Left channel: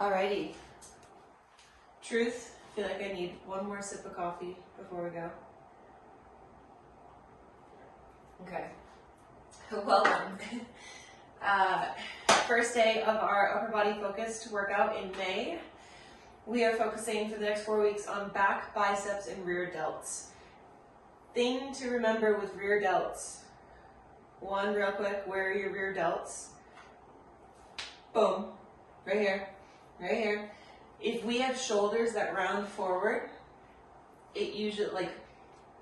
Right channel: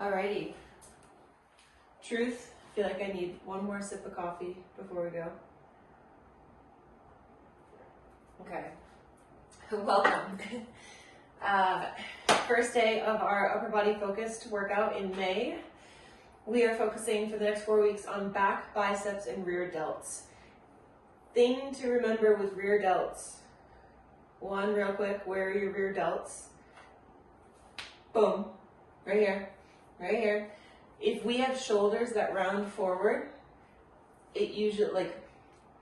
Alrighty. Truth, I feel like I need one more sip of coffee before we go. Okay. Welcome. First day of our upper body focused workout in May. We are focusing for the next 4 weeks on back, biceps, and rear delts. Thing to remember with rear delts. One, real quick, where are your rear delts? Boom. Right here. Right here. If we have shoulders that round forward, it usually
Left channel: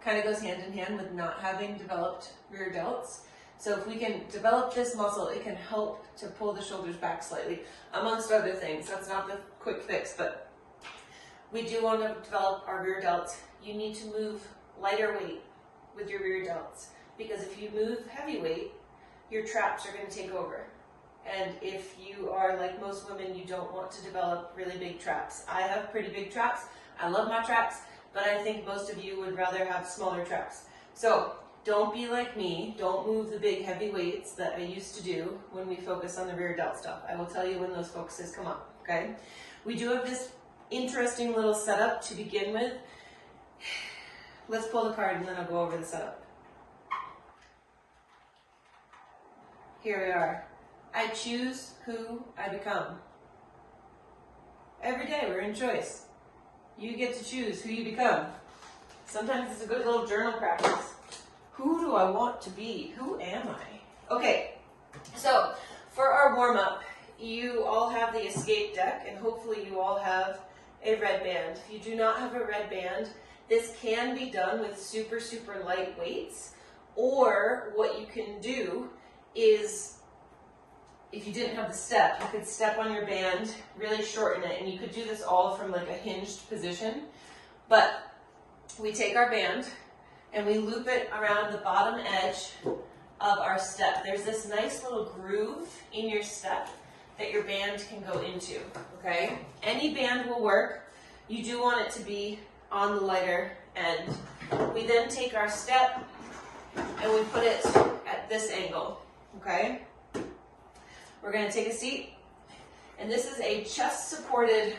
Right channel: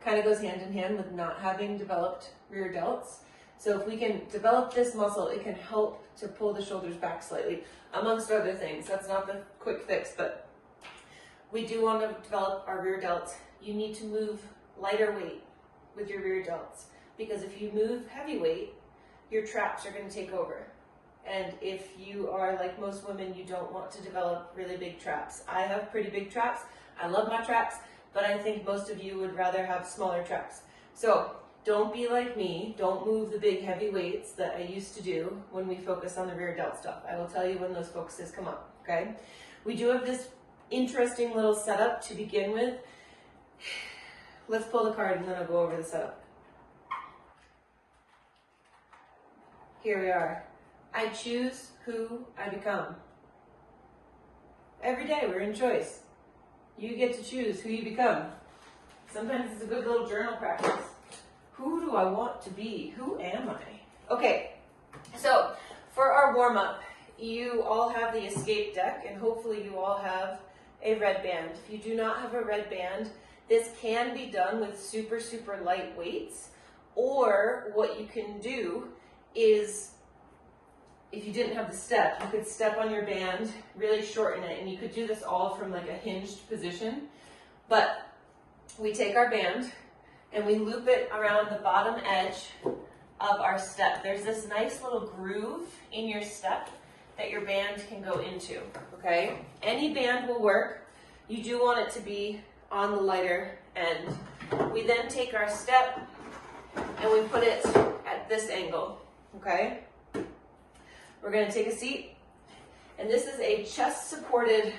kind of goes hand in hand with not having developed rear delts. So if we can develop this muscle, it can help to pull the shoulders back slightly, amongst other things. That's not the quick fix, but we do want to develop our rear delts. You need to move lighter weight with your rear delts, because if you move heavy weight, your traps are going to take over. And if you are like most women, you don't want to develop really big traps. I have pretty big traps. I love my traps, but I think most of you would rather have smaller traps. So don't be like me. Don't move the big heavy weights that I used to do when we focus on the rear delt stuff. I will tell you when those focuses come up, okay? We do have this interesting little setup to begin with. Let's pull the card and then I'll go over the setup. Here we are. I choose who I become. Every day we're in choice. You get to choose who you become. Sometimes it's a good little journal practice. Who do I want to be? Who am I? Okay, so for our warm-up, you all have the escape deck, and hopefully you all have a red band. If you do not have a red band, this can be done with super, super light weights, or what you can do is, if you didn't have the step, you could step on your band, really shorten it, and you could do this all from like a hinged position. But we take our band and we loop it around the bottom edge of our step. There's this nice little groove in your step that your band can go into, okay? Any band will work. You do want it to be on the lighter end. We then take our step and we put it at this angle, okay? We're going to take a seat, and this is a chest-supported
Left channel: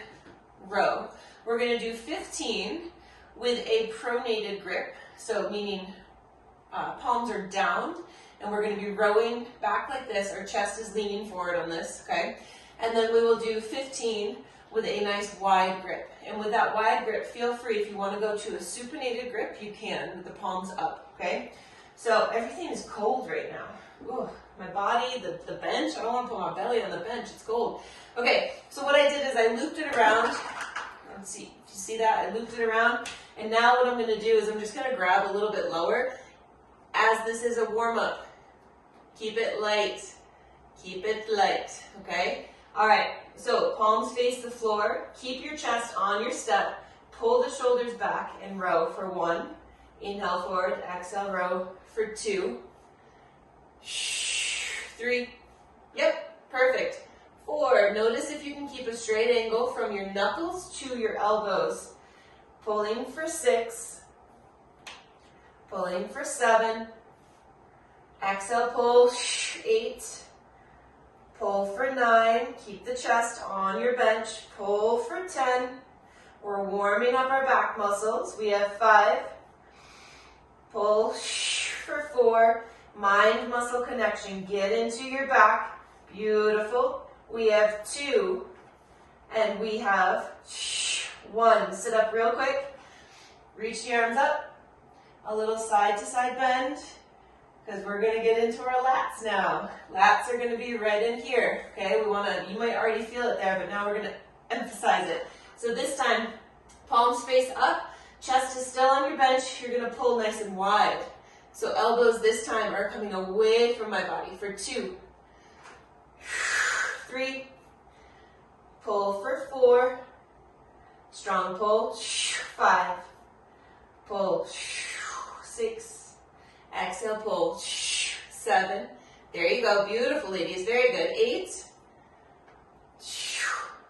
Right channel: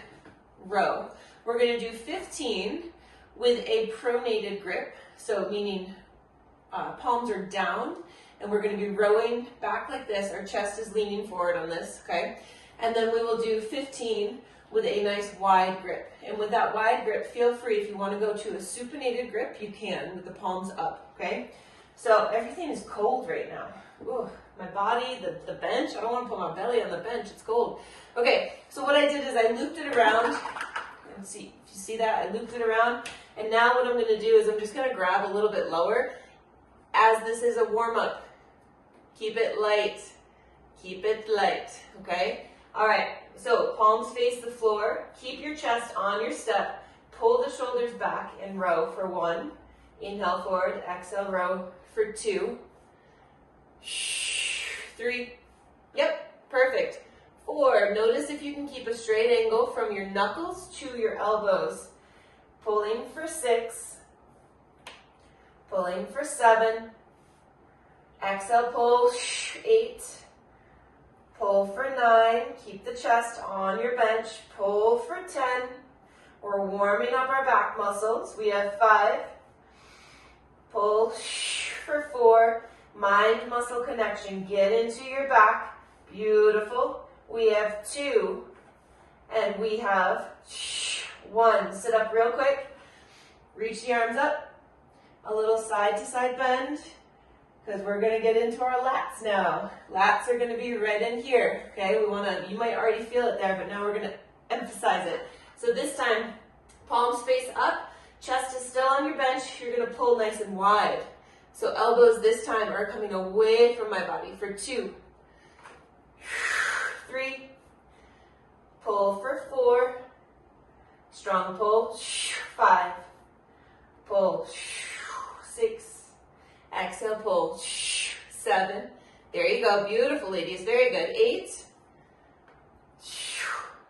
row. We're going to do 15 with a pronated grip, so meaning palms are down, and we're going to be rowing back like this. Our chest is leaning forward on this, okay? And then we will do 15 with a nice wide grip. And with that wide grip, feel free, if you want to go to a supinated grip, you can, with the palms up, okay? So everything is cold right now. Ooh, my body, the bench, I don't want to put my belly on the bench, it's cold. Okay, so what I did is I looped it around. Let's see, if you see that, I looped it around. And now what I'm going to do is I'm just going to grab a little bit lower, as this is a warm-up. Keep it light, okay? All right, so palms face the floor, keep your chest on your step, pull the shoulders back and row for 1. Inhale forward, exhale, row for 2. 3. Yep, perfect. 4. Notice if you can keep a straight angle from your knuckles to your elbows. Pulling for 6. Pulling for 7. Exhale, pull. 8. Pull for 9. Keep the chest on your bench. Pull for 10. We're warming up our back muscles. We have 5. Pull for 4. Mind muscle connection. Get into your back. Beautiful. We have 2. And we have 1. Sit up real quick. Reach the arms up. A little side to side bend, because we're going to get into our lats now. Lats are going to be right in here. Okay, you might already feel it there, but now we're going to emphasize it. So this time, palms face up, chest is still on your bench. You're going to pull nice and wide. So elbows this time are coming away from my body for 2. 3. Pull for 4. Strong pull. 5. Pull. 6. Exhale, pull. 7. There you go. Beautiful, ladies. Very good. 8.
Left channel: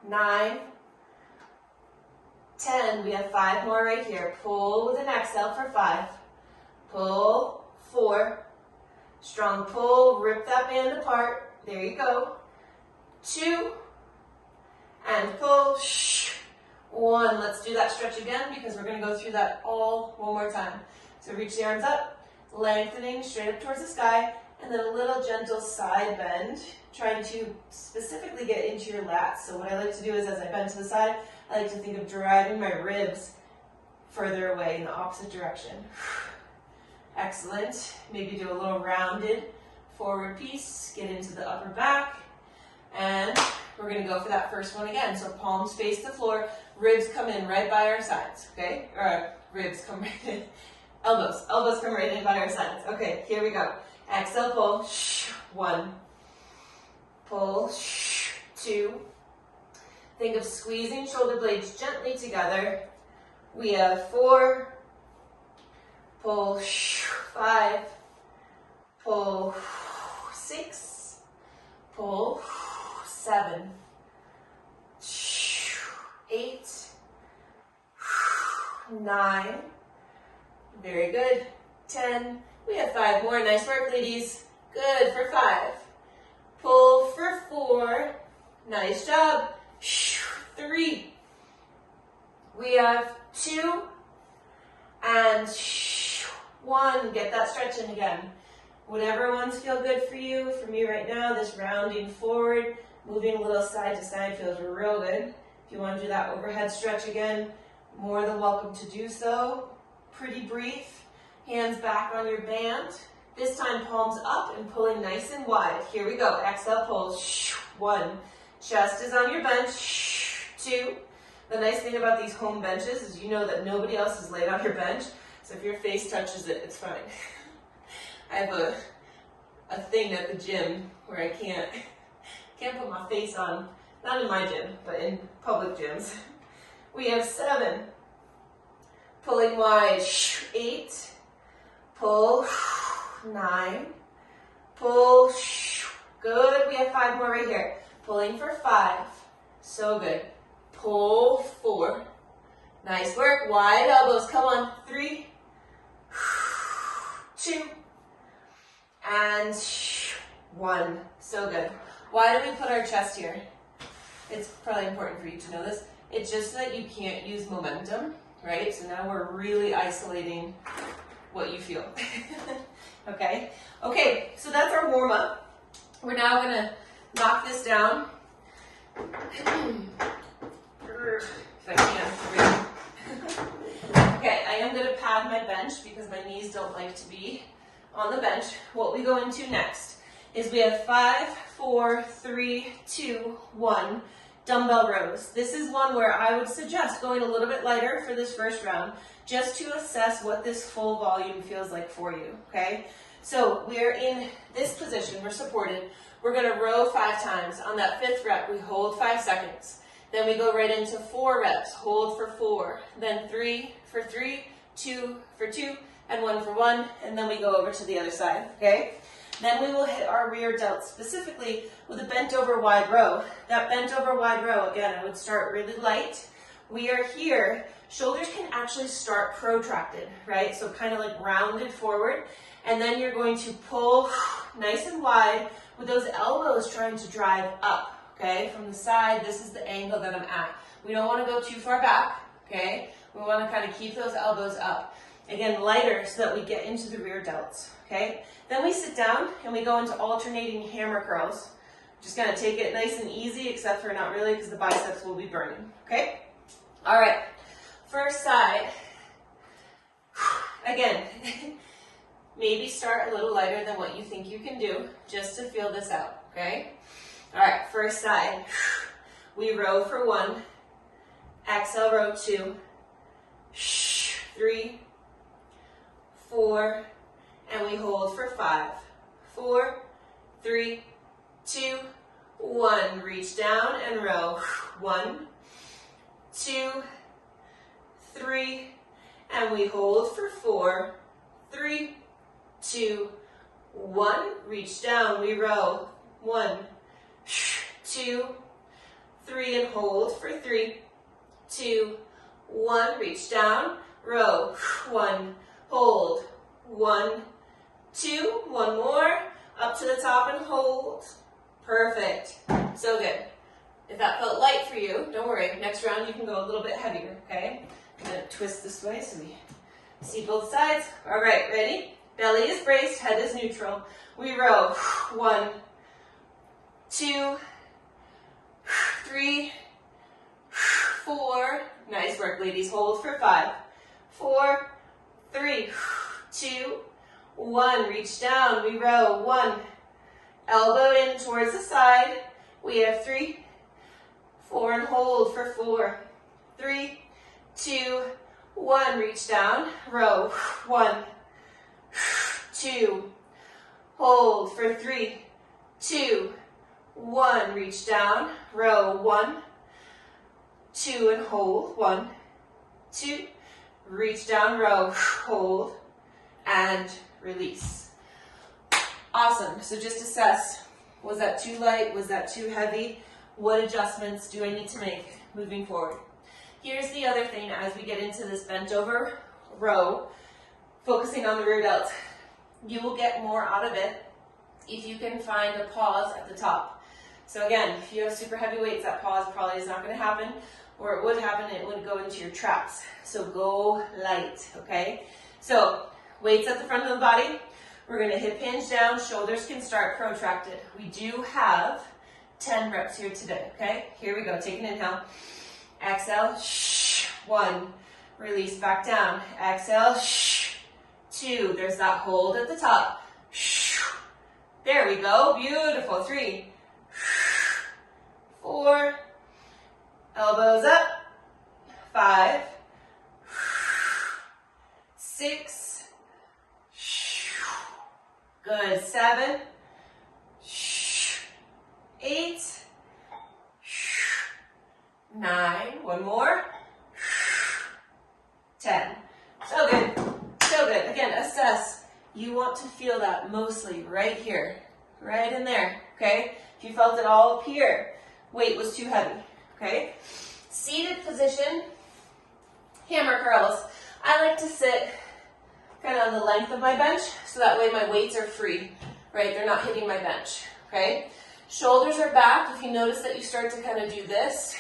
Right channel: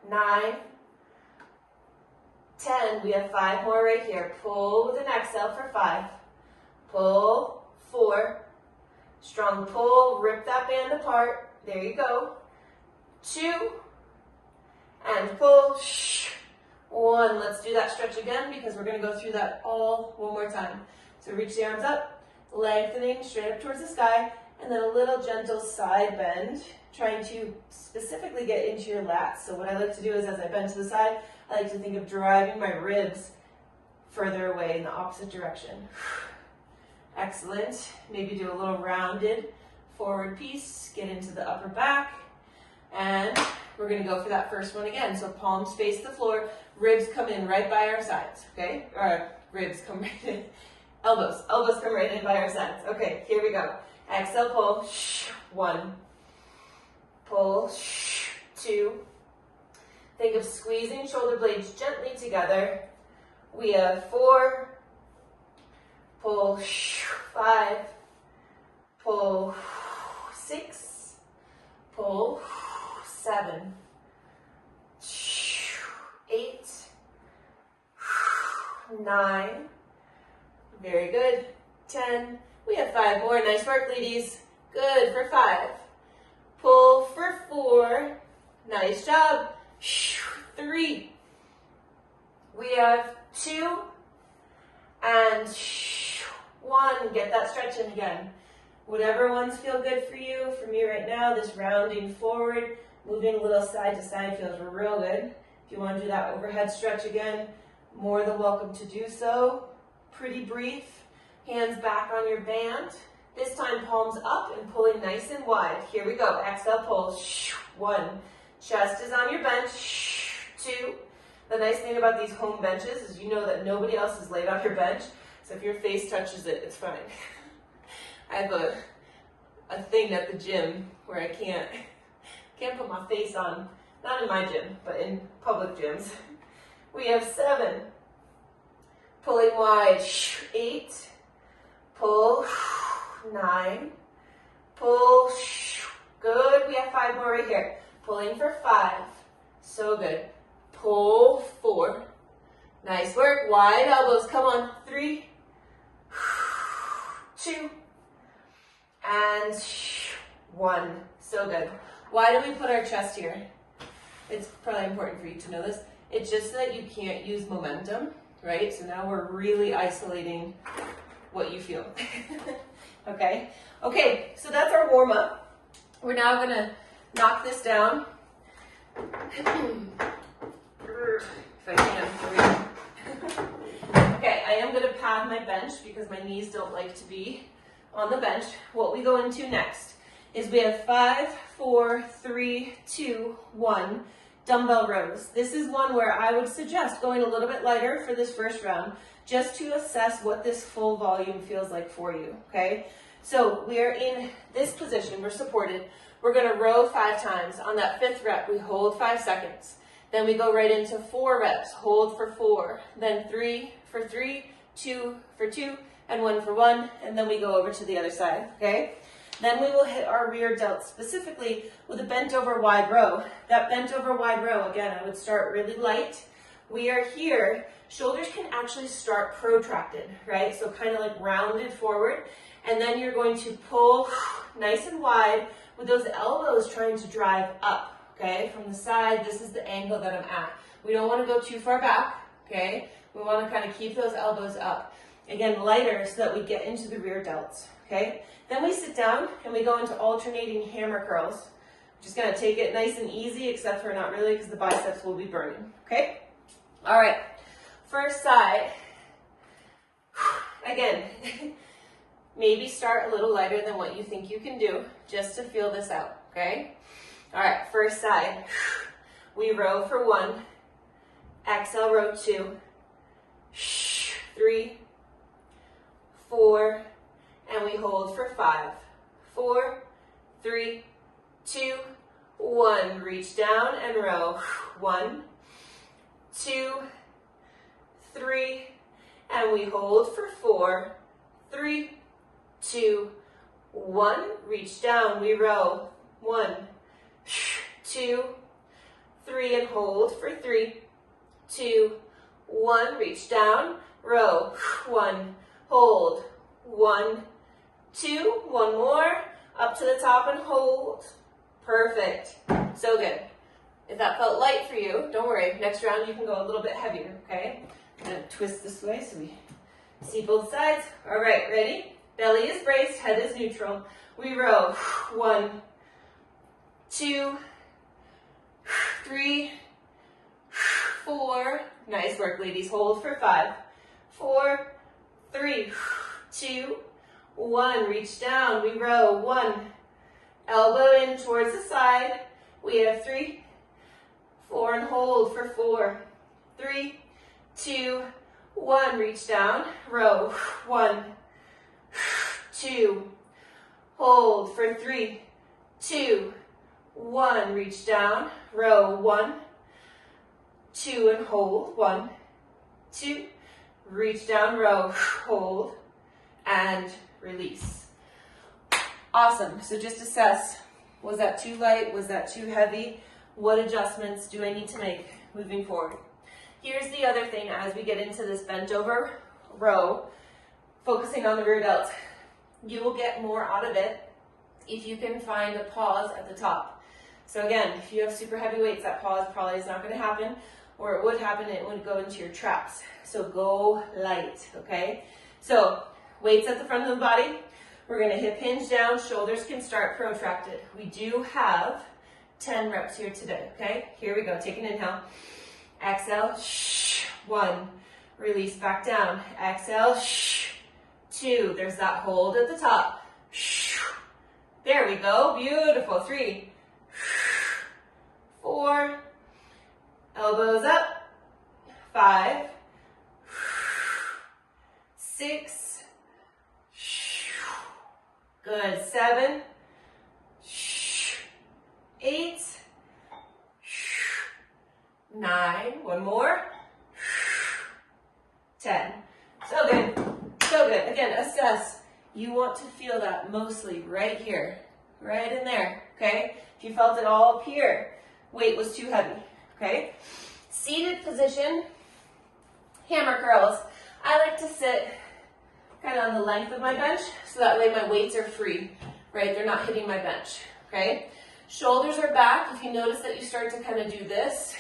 9. 10. We have 5 more right here. Pull with an exhale for 5. Pull. 4. Strong pull. Rip that band apart. There you go. 2. And and pull, 1. Let's do that stretch again because we're going to go through that all one more time. So reach the arms up, lengthening straight up towards the sky, and then a little gentle side bend, trying to specifically get into your lats. So what I like to do is as I bend to the side, I like to think of driving my ribs further away in the opposite direction. Excellent. Maybe do a little rounded forward piece, get into the upper back, and we're going to go for that first one again. So palms face the floor, ribs come in right by our sides, okay? Or ribs come right in. Elbows come right in by our sides. Okay, here we go. Exhale, pull, 1. Pull, 2. Think of squeezing shoulder blades gently together. We have 4. Pull, 5. Pull, 6. Pull, 7. 8. 9. Very good. 10. We have 5 more. Nice work, ladies. Good for 5. Pull for 4. Nice job. 3. We have 2 and 1. Get that stretch in again. Whatever ones feel good for you. For me right now, this rounding forward, moving a little side to side feels real good. If you want to do that overhead stretch again, more than welcome to do so. Pretty brief. Hands back on your band. This time palms up and pulling nice and wide. Here we go. Exhale, pull. 1. Chest is on your bench. 2. The nice thing about these home benches is you know that nobody else is laid on your bench. So if your face touches it, it's fine. I have a thing at the gym where I can't put my face on, not in my gym, but in public gyms. We have 7. Pulling wide. 8. Pull. 9. Pull. Good. We have 5 more right here. Pulling for 5. So good. Pull 4. Nice work. Wide elbows. Come on. 3. 2. And 1. So good. Why do we put our chest here? It's probably important for you to know this. It's just so that you can't use momentum, right? So now we're really isolating what you feel. Okay? Okay, so that's our warm-up. We're now going to knock this down. If I can. Okay, I am going to pad my bench because my knees don't like to be on the bench. What we go into next is we have 5, 4, 3, 2, 1 dumbbell rows. This is one where I would suggest going a little bit lighter for this first round just to assess what this full volume feels like for you, okay? So we are in this position, we're supported. We're going to row 5 times. On that 5th rep, we hold 5 seconds. Then we go right into 4 reps, hold for 4, then 3 for 3, 2 for 2, and 1 for 1, and then we go over to the other side, okay? Then we will hit our rear delts specifically with a bent over wide row. That bent over wide row, again, I would start really light. We are here, shoulders can actually start protracted, right? So kind of like rounded forward, and then you're going to pull nice and wide with those elbows trying to drive up, okay? From the side, this is the angle that I'm at. We don't want to go too far back, okay? We want to kind of keep those elbows up. Again, lighter so that we get into the rear delts, okay? Then we sit down and we go into alternating hammer curls. Just gonna take it nice and easy, except for not really because the biceps will be burning, okay? All right, first side. Again, maybe start a little lighter than what you think you can do, just to feel this out, okay? All right, first side. We row for 1, exhale, row 2, 3, 4, and we hold for 5, 4, 3, 2, 1. Reach down and row. 1, 2, 3, and we hold for 4, 3, 2, 1. Reach down, we row. 1, 2, 3, and hold for 3, 2, 1. Reach down, row. 1, hold. 1, 2, 1 more, up to the top and hold. Perfect. So good. If that felt light for you, don't worry. Next round you can go a little bit heavier, okay? I'm gonna twist this way so we see both sides. All right, ready? Belly is braced, head is neutral. We row. 1, 2, 3, 4. Nice work, ladies. Hold for 5, 4, 3, 2, 1. Reach down. We row. 1. Elbow in towards the side. We have 3, 4, and hold for 4, 3, 2, 1. Reach down. Row. 1, 2. Hold for 3, 2, 1. Reach down. Row. 1, 2, and hold. 1, 2. Reach down. Row. Hold. And release. Awesome. So just assess. Was that too light? Was that too heavy? What adjustments do I need to make moving forward? Here's the other thing as we get into this bent over row, focusing on the rear delt. You will get more out of it if you can find a pause at the top. So again, if you have super heavy weights, that pause probably is not going to happen, or it would happen, it would go into your traps. So go light, okay? So weights at the front of the body. We're going to hip hinge down, shoulders can start protracted. We do have 10 reps here today, okay? Here we go, take an inhale. Exhale, 1. Release back down. Exhale, 2. There's that hold at the top. There we go, beautiful. 3, 4. Elbows up. 5, 6. Good. 7, 8, 9. One more. 10. So good. So good. Again, assess. You want to feel that mostly right here, right in there, okay? If you felt it all up here, weight was too heavy, okay? Seated position, hammer curls. I like to sit kind of on the length of my bench, so that way my weights are free, right? They're not hitting my bench, okay? Shoulders are back. If you notice that you start to kind of do this,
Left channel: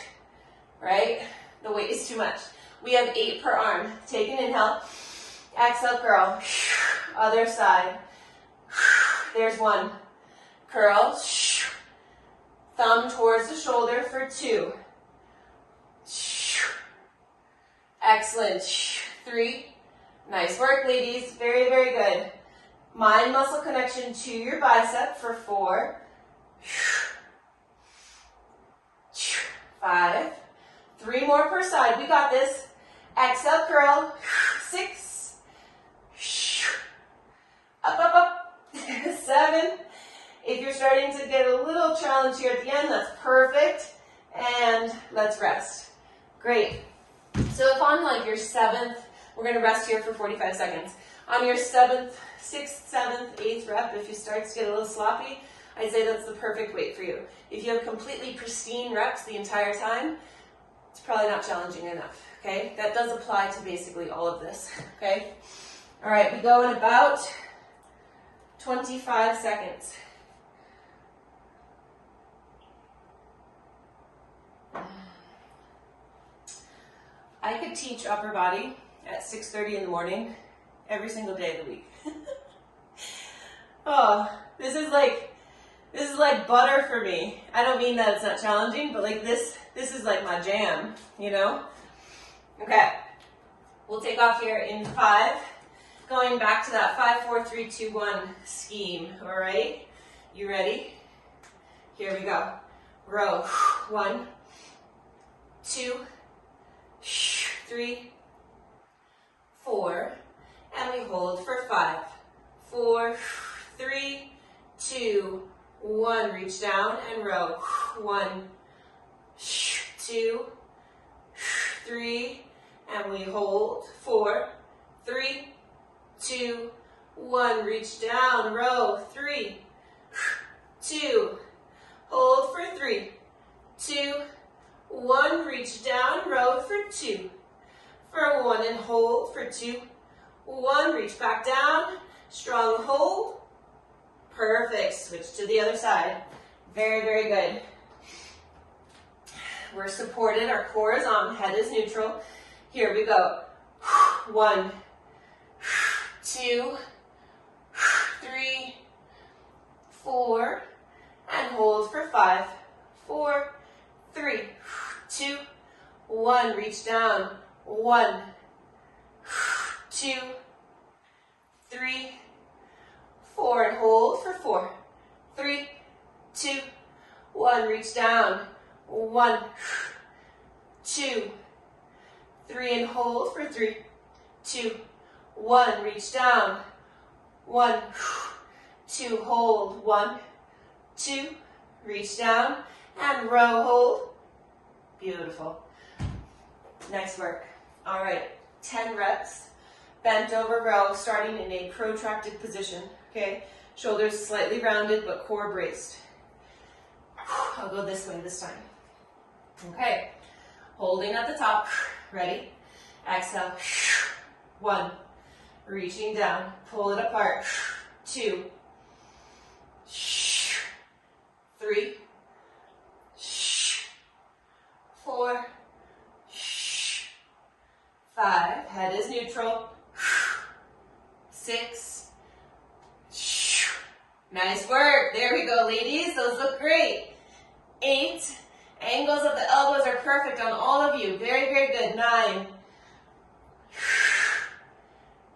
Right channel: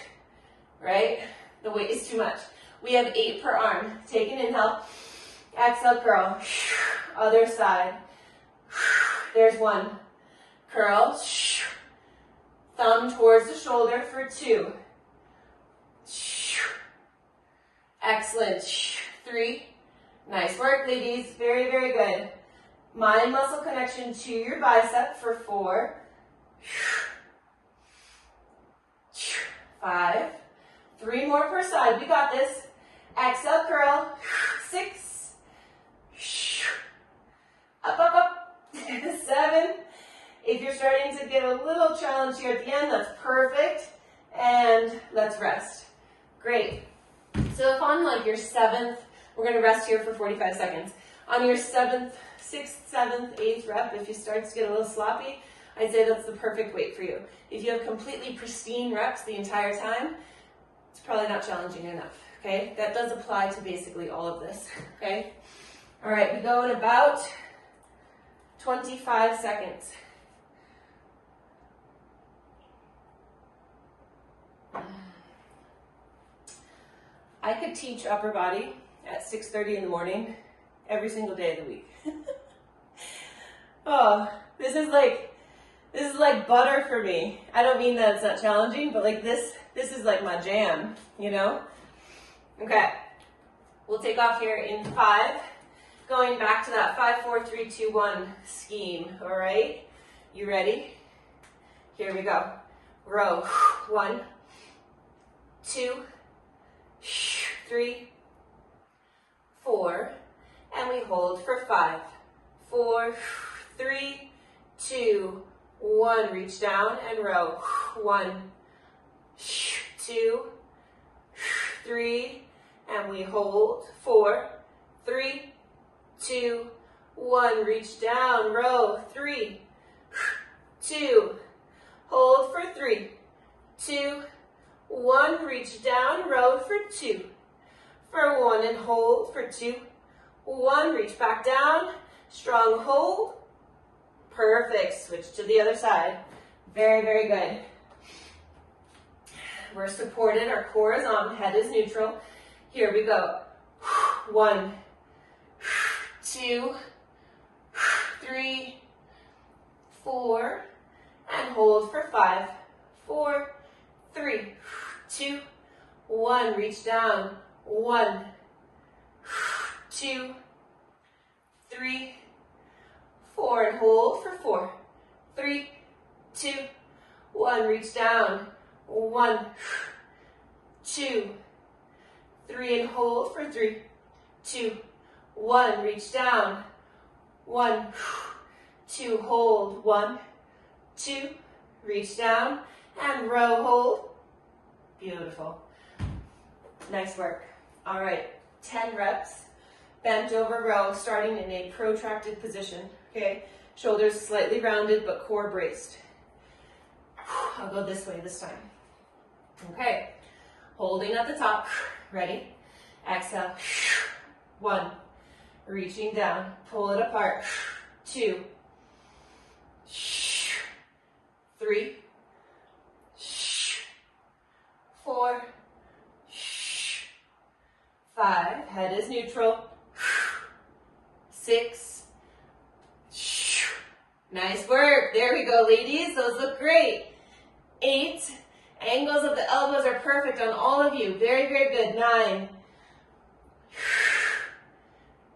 right? The weight is too much. We have 8 per arm. Take an inhale. Exhale, curl. Other side. There's 1. Curl. Thumb towards the shoulder for 2. Excellent. 3. Nice work, ladies. Very, very good. Mind muscle connection to your bicep for 4. 5. 3 more per side. We got this. Exhale, curl. 6. Up, up, up. 7. If you're starting to get a little challenge here at the end, that's perfect. And let's rest. Great. So if on like your 7th, we're going to rest here for 45 seconds. On your 7th, 6th, 7th, 8th rep, if you start to get a little sloppy, I'd say that's the perfect weight for you. If you have completely pristine reps the entire time, it's probably not challenging enough, okay? That does apply to basically all of this, okay? All right, we go in about 25 seconds. I could teach upper body at 6:30 in the morning every single day of the week. Oh, this is like butter for me. I don't mean that it's not challenging, but like this is like my jam, you know? Okay, we'll take off here in 5, going back to that 5, 4, 3, 2, 1 scheme, all right? You ready? Here we go. Row. 1, 2, 3, 4, and we hold for 5, 4, 3, 2, 1. Reach down and row. 1, 2, 3, and we hold. 4, 3, 2, 1. Reach down, row. 3, 2, hold for 3, 2, 1. Reach down, row for 2, for 1, and hold for 2, 1. Reach back down, strong hold. Perfect. Switch to the other side. Very, very good. We're supported, our core is on, head is neutral. Here we go. 1, 2, 3, 4, and hold for 5, 4, 3, 2, 1, reach down, 1, 2, 3, 4, and hold for 4, 3, 2, 1, reach down, 1, 2, 3, and hold for 3, 2, 1, reach down, 1, 2, hold, 1, 2, reach down, and row, hold. Beautiful. Nice work. All right, 10 reps, bent over row, starting in a protracted position, okay? Shoulders slightly rounded, but core braced. I'll go this way this time. Okay, holding at the top, ready? Exhale, 1, reaching down, pull it apart, 2, 3, 4, 5, head is neutral, 6, nice work, there we go ladies, those look great, 8, angles of the elbows are perfect on all of you, very, very good, 9,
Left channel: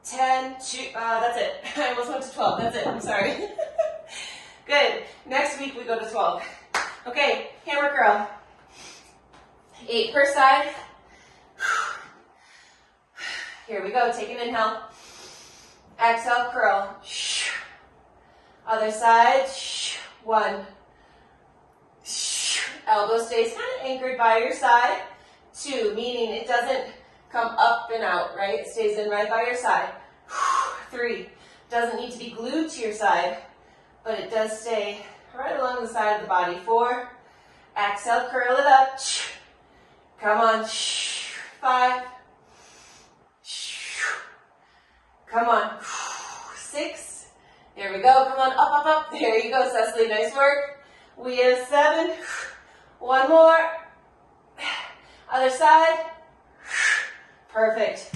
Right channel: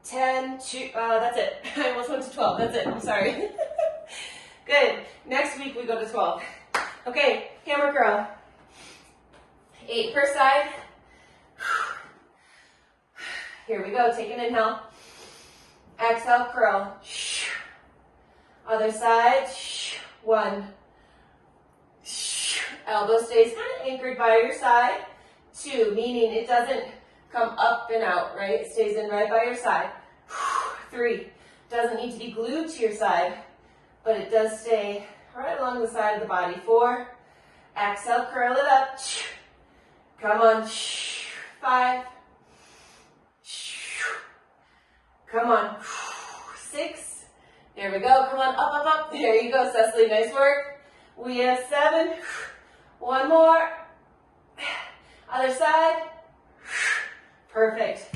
10, that's it, I almost went to 12, that's it, I'm sorry. Good, next week we go to 12. Okay, hammer curl, 8 per side. Here we go, take an inhale, exhale, curl, other side, 1, elbow stays kind of anchored by your side, 2, meaning it doesn't come up and out, right? It stays in right by your side, 3, doesn't need to be glued to your side, but it does stay right along the side of the body, 4, exhale, curl it up, come on, 5, come on, 6, there we go, come on, up, up, up, there you go, Cecily, nice work, we have 7, 1 more, other side, perfect,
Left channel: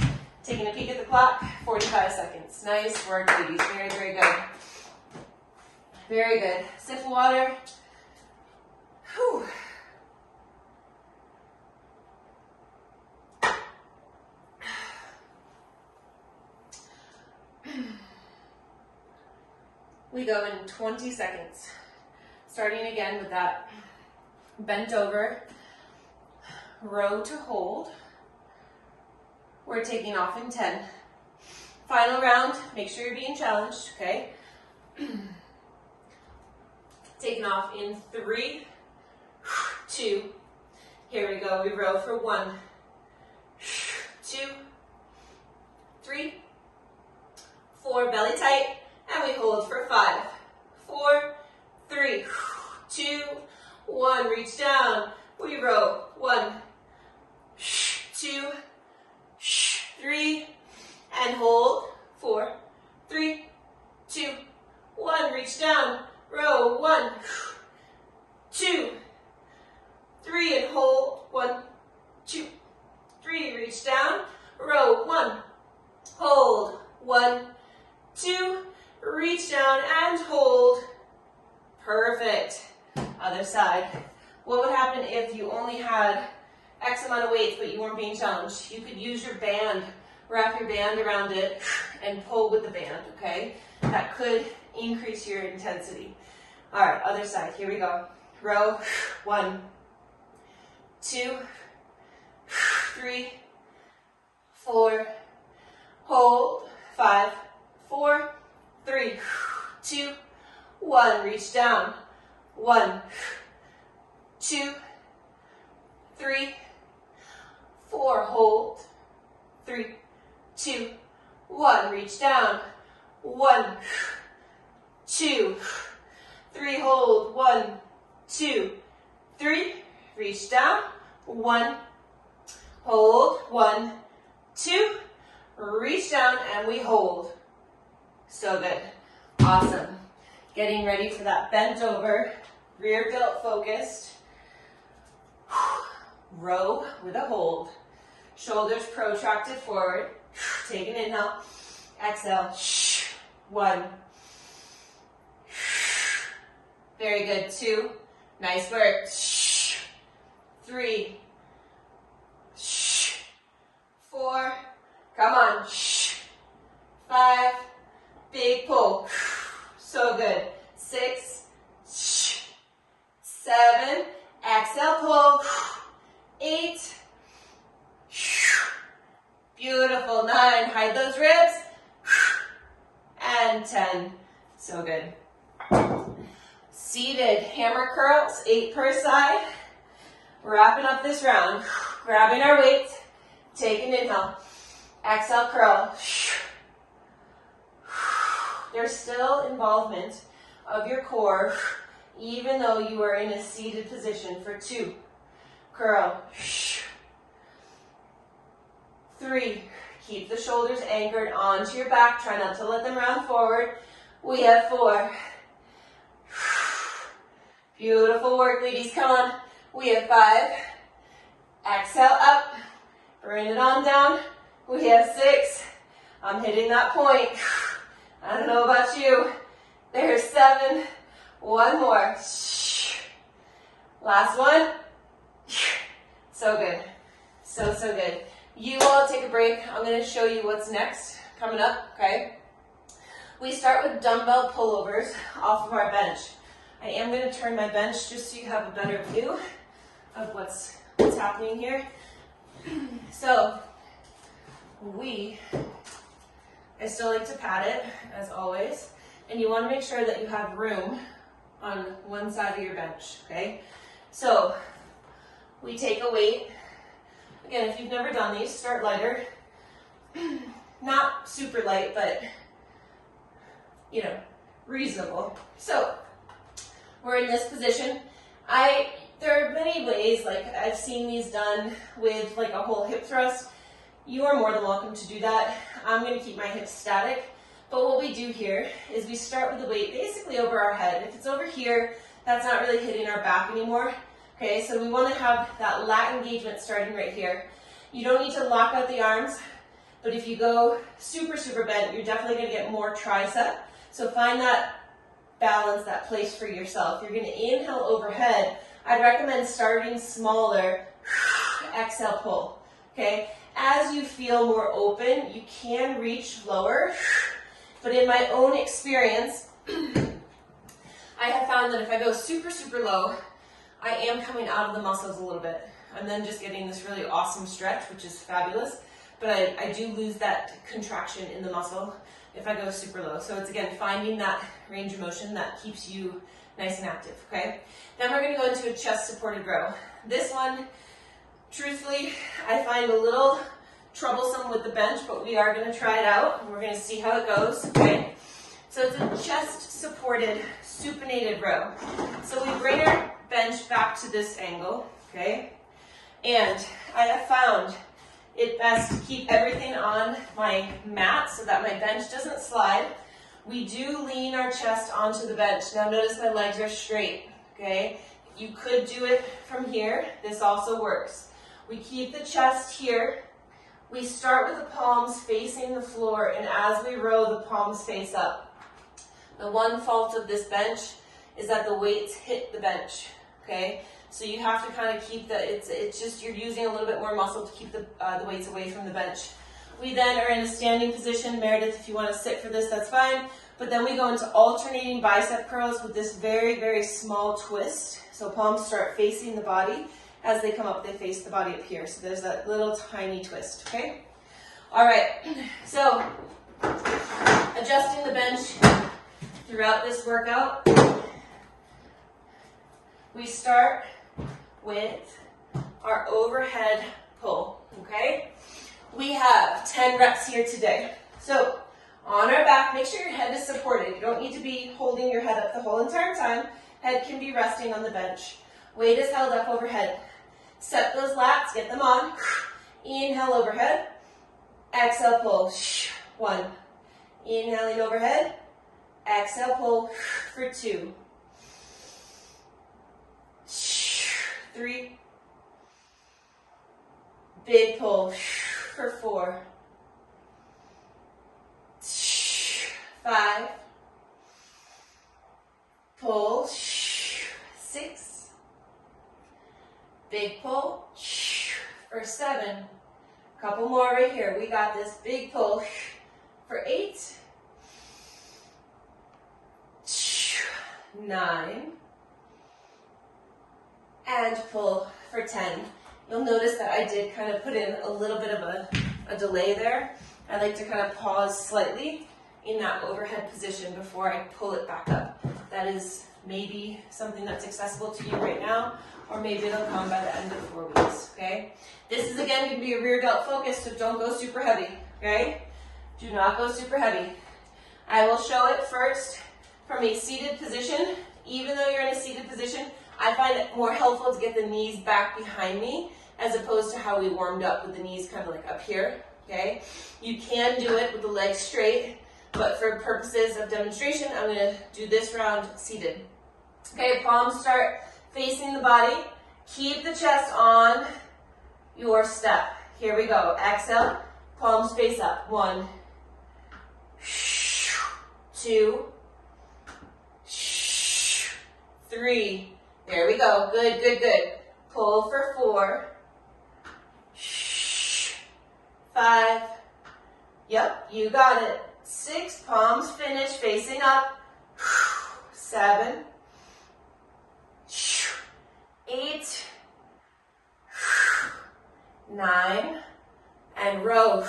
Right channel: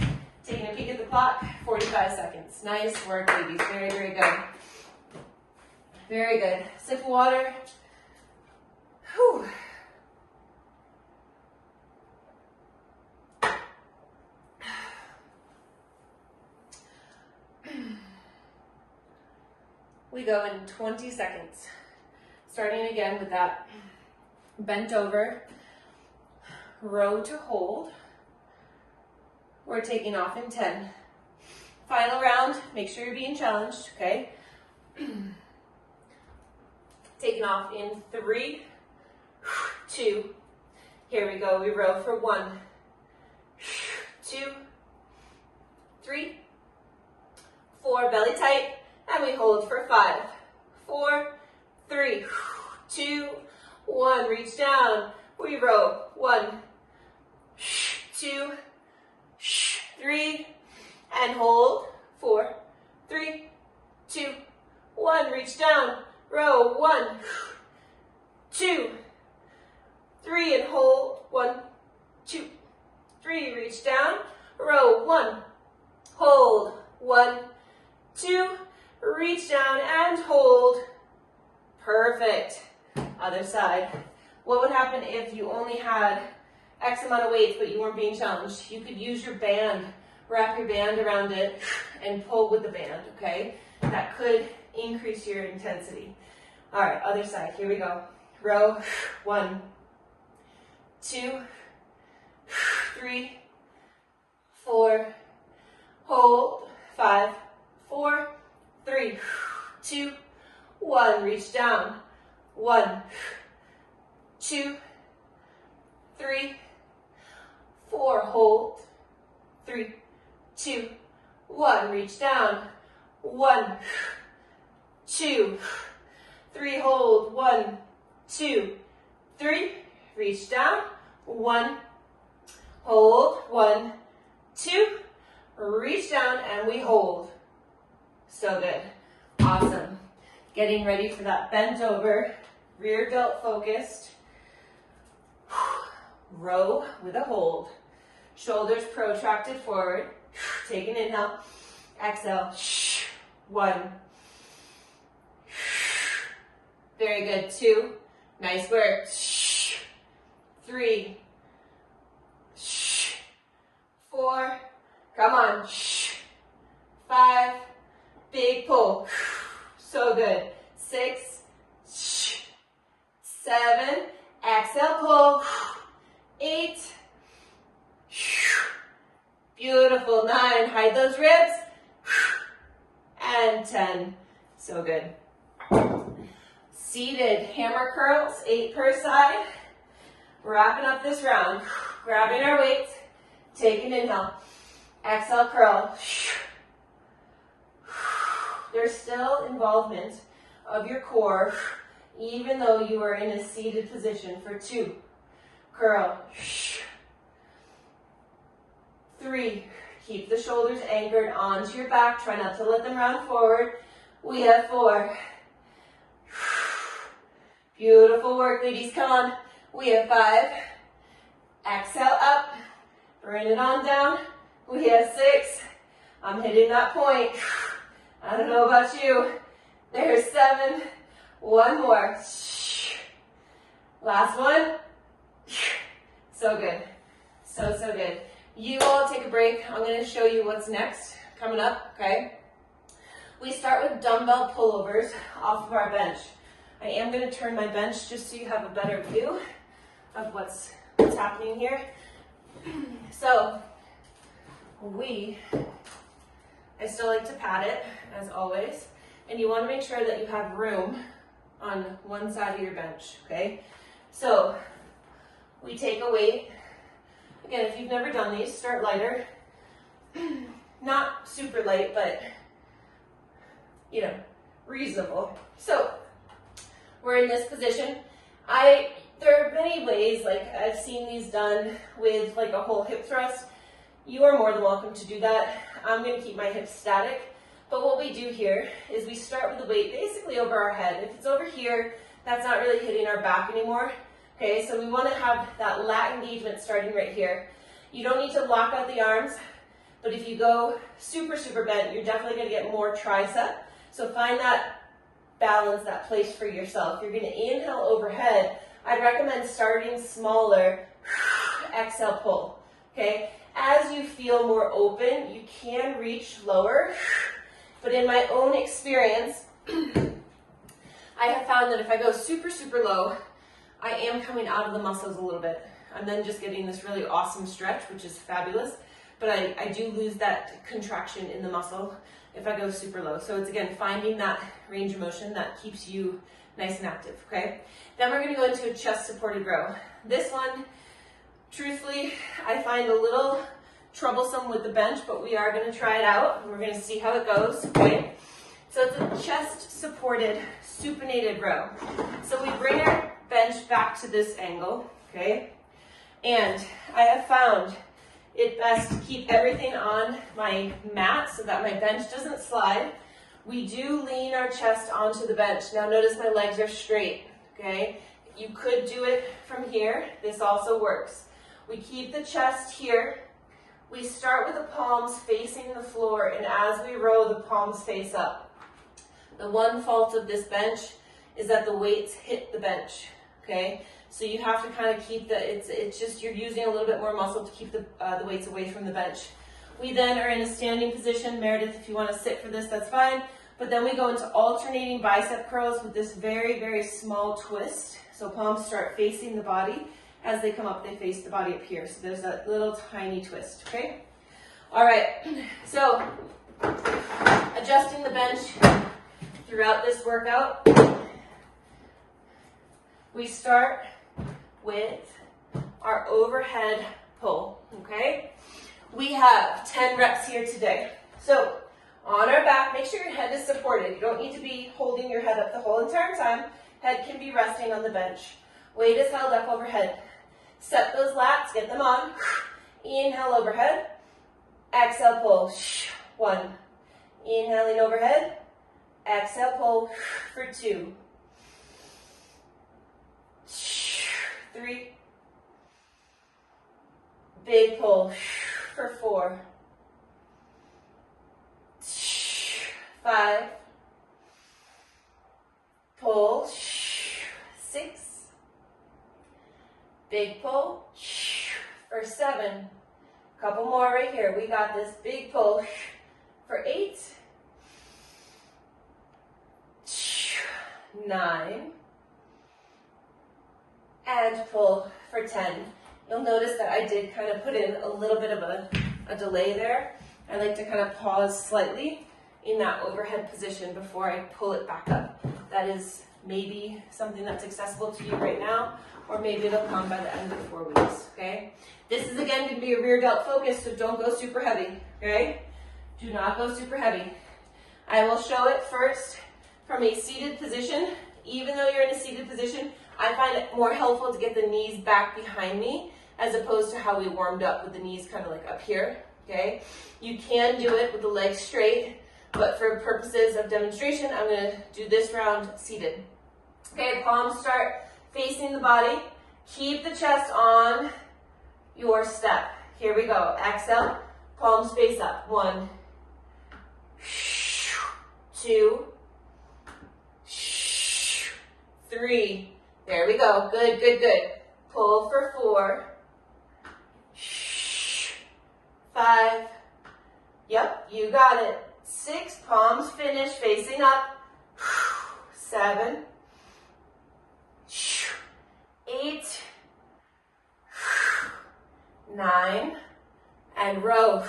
taking a peek at the clock, 45 seconds, nice work, ladies, very, very good, very good, sip of water, whew. We go in 20 seconds, starting again with that bent over, row to hold. We're taking off in 10. Final round, make sure you're being challenged, okay? Taking off in 3, 2, here we go, we row for 1, 2, 3, 4, belly tight, and we hold for 5, 4, 3, 2, 1, reach down, we row, 1, 2, 3, and hold, 4, 3, 2, 1, reach down, row, 1, 2, 3, and hold, 1, 2, 3, reach down, row, 1, hold, 1, 2, reach down and hold. Perfect. Other side. What would happen if you only had X amount of weights but you weren't being challenged? You could use your band, wrap your band around it and pull with the band, okay? That could increase your intensity. All right, other side, here we go. Row, 1, 2, 3, 4, hold, 5, 4, 3, 2, 1, reach down, 1, 2, 3, 4, hold, 3, 2, 1, reach down, 1, 2, 3, hold, 1, 2, 3, reach down, 1, hold, 1, 2, reach down, and we hold. So good. Awesome. Getting ready for that bent over, rear delt focused. row with a hold. Shoulders protracted forward. Take an inhale. Exhale. 1. Very good. 2. Nice work. 3. 4. Come on. 5. Big pull. So good. 6. 7. Exhale, pull. 8. Beautiful. 9. Hide those ribs. And 10. So good. Seated hammer curls, 8 per side. Wrapping up this round. Grabbing our weights. Take an inhale. Exhale, curl. There's still involvement of your core, even though you are in a seated position for 2. Curl. 3. Keep the shoulders anchored onto your back. Try not to let them round forward. We have 4. Beautiful work, ladies. Come on. We have 5. Exhale up. Bring it on down. We have 6. I'm hitting that point. I don't know about you. There's 7. One more. Last one. So good. So good. You all take a break. I'm going to show you what's next coming up, okay? We start with dumbbell pullovers off of our bench. I am going to turn my bench just so you have a better view of what's happening here. So, I still like to pat it, as always, and you want to make sure that you have room on one side of your bench, okay? So, we take a weight. Again, if you've never done these, start lighter. Not super light, but, you know, reasonable. So, we're in this position. There are many ways, like I've seen these done with like a whole hip thrust. You are more than welcome to do that. I'm going to keep my hips static. But what we do here is we start with the weight basically over our head. If it's over here, that's not really hitting our back anymore. Okay, so we want to have that lat engagement starting right here. You don't need to lock out the arms, but if you go super, super bent, you're definitely going to get more tricep. So find that balance, that place for yourself. You're going to inhale overhead. I'd recommend starting smaller. Exhale, pull. Okay, as you feel more open, you can reach lower, but in my own experience, I have found that if I go super, super low, I am coming out of the muscles a little bit. I'm then just getting this really awesome stretch, which is fabulous, but I do lose that contraction in the muscle if I go super low. So it's, again, finding that range of motion that keeps you nice and active, okay? Then we're gonna go into a chest supported row. This one, truthfully, I find a little troublesome with the bench, but we are gonna try it out, and we're gonna see how it goes, okay? So it's a chest supported supinated row. So we bring our bench back to this angle, okay? And I have found it best to keep everything on my mat so that my bench doesn't slide. We do lean our chest onto the bench. Now notice my legs are straight, okay? You could do it from here. This also works. We keep the chest here. We start with the palms facing the floor, and as we row, the palms face up. The one fault of this bench is that the weights hit the bench, okay? So you have to kind of keep it's just you're using a little bit more muscle to keep the weights away from the bench. We then are in a standing position. Meredith, if you want to sit for this, that's fine. But then we go into alternating bicep curls with this very, very small twist. So palms start facing the body. As they come up, they face the body up here. So there's that little tiny twist, okay? All right, so adjusting the bench throughout this workout. We start with our overhead pull, okay? We have 10 reps here today. So on our back, make sure your head is supported. You don't need to be holding your head up the whole entire time. Head can be resting on the bench. Weight is held up overhead. Set those lats, get them on. Inhale overhead. Exhale, pull. 1. Inhaling overhead. Exhale, pull for 2. 3. Big pull for 4, 5, pull, 6, big pull for 7, couple more right here, we got this, big pull for 8, 9, and pull for 10. You'll notice that I did kind of put in a little bit of a delay there. I like to kind of pause slightly in that overhead position before I pull it back up. That is maybe something that's accessible to you right now, or maybe it'll come by the end of 4 weeks, okay? This is again going to be a rear delt focus, so don't go super heavy, okay? Do not go super heavy. I will show it first from a seated position. Even though you're in a seated position, I find it more helpful to get the knees back behind me as opposed to how we warmed up with the knees kind of like up here, okay? You can do it with the legs straight, but for purposes of demonstration, I'm going to do this round seated. Okay, palms start facing the body. Keep the chest on your step. Here we go. Exhale, palms face up. 1, 2, 3. There we go. Good, good, good. Pull for 4, 5. Yep, you got it. 6, palms finish, facing up. 7, 8, 9, and row.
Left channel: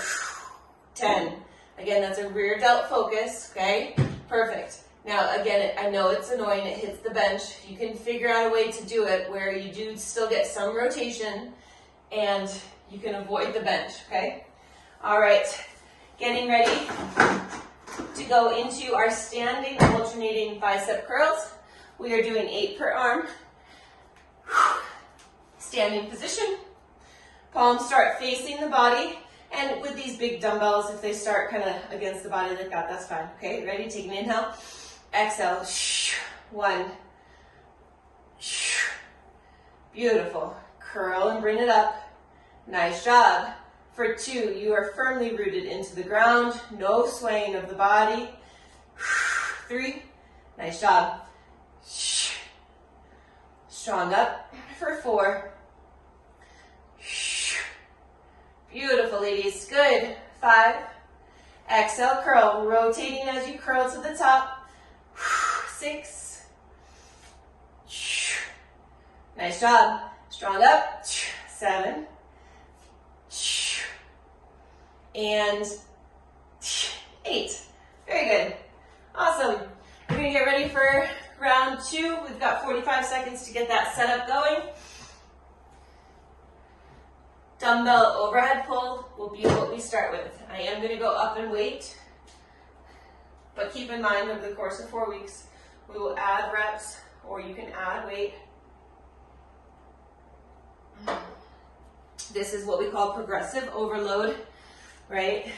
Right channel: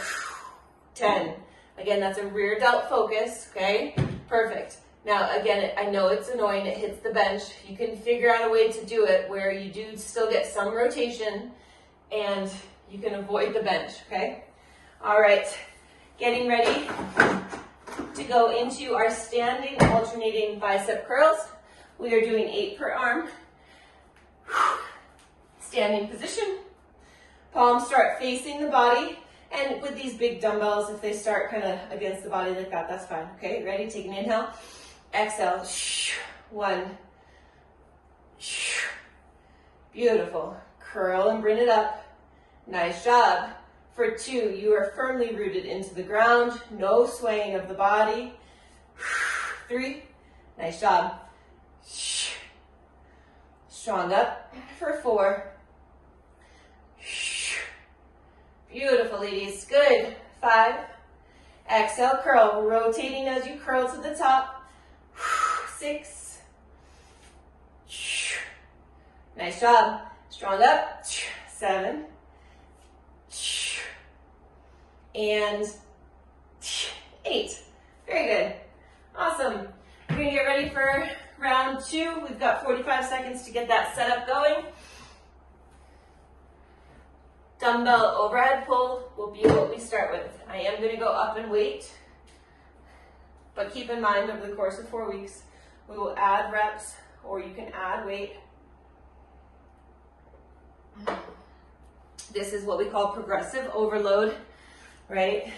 10. Again, that's a rear delt focus, okay? Perfect. Now, again, I know it's annoying, it hits the bench. You can figure out a way to do it where you do still get some rotation and you can avoid the bench, okay? All right, getting ready to go into our standing alternating bicep curls. We are doing 8 per arm. Standing position. Palms start facing the body. And with these big dumbbells, if they start kind of against the body like that, that's fine. Okay, ready? Take an inhale. Exhale. 1. Beautiful. Curl and bring it up. Nice job. For 2, you are firmly rooted into the ground. No swaying of the body. 3. Nice job. Strong up. For 4. Beautiful, ladies. Good. 5. Exhale, curl. Rotating as you curl to the top. 6. Nice job. Strong up. 7. And 8. Very good. Awesome. We're going to get ready for round 2. We've got 45 seconds to get that set up going. Dumbbell overhead pull will be what we start with. I am going to go up and weight, but keep in mind over the course of 4 weeks, we will add reps or you can add weight. This is what we call progressive overload, right?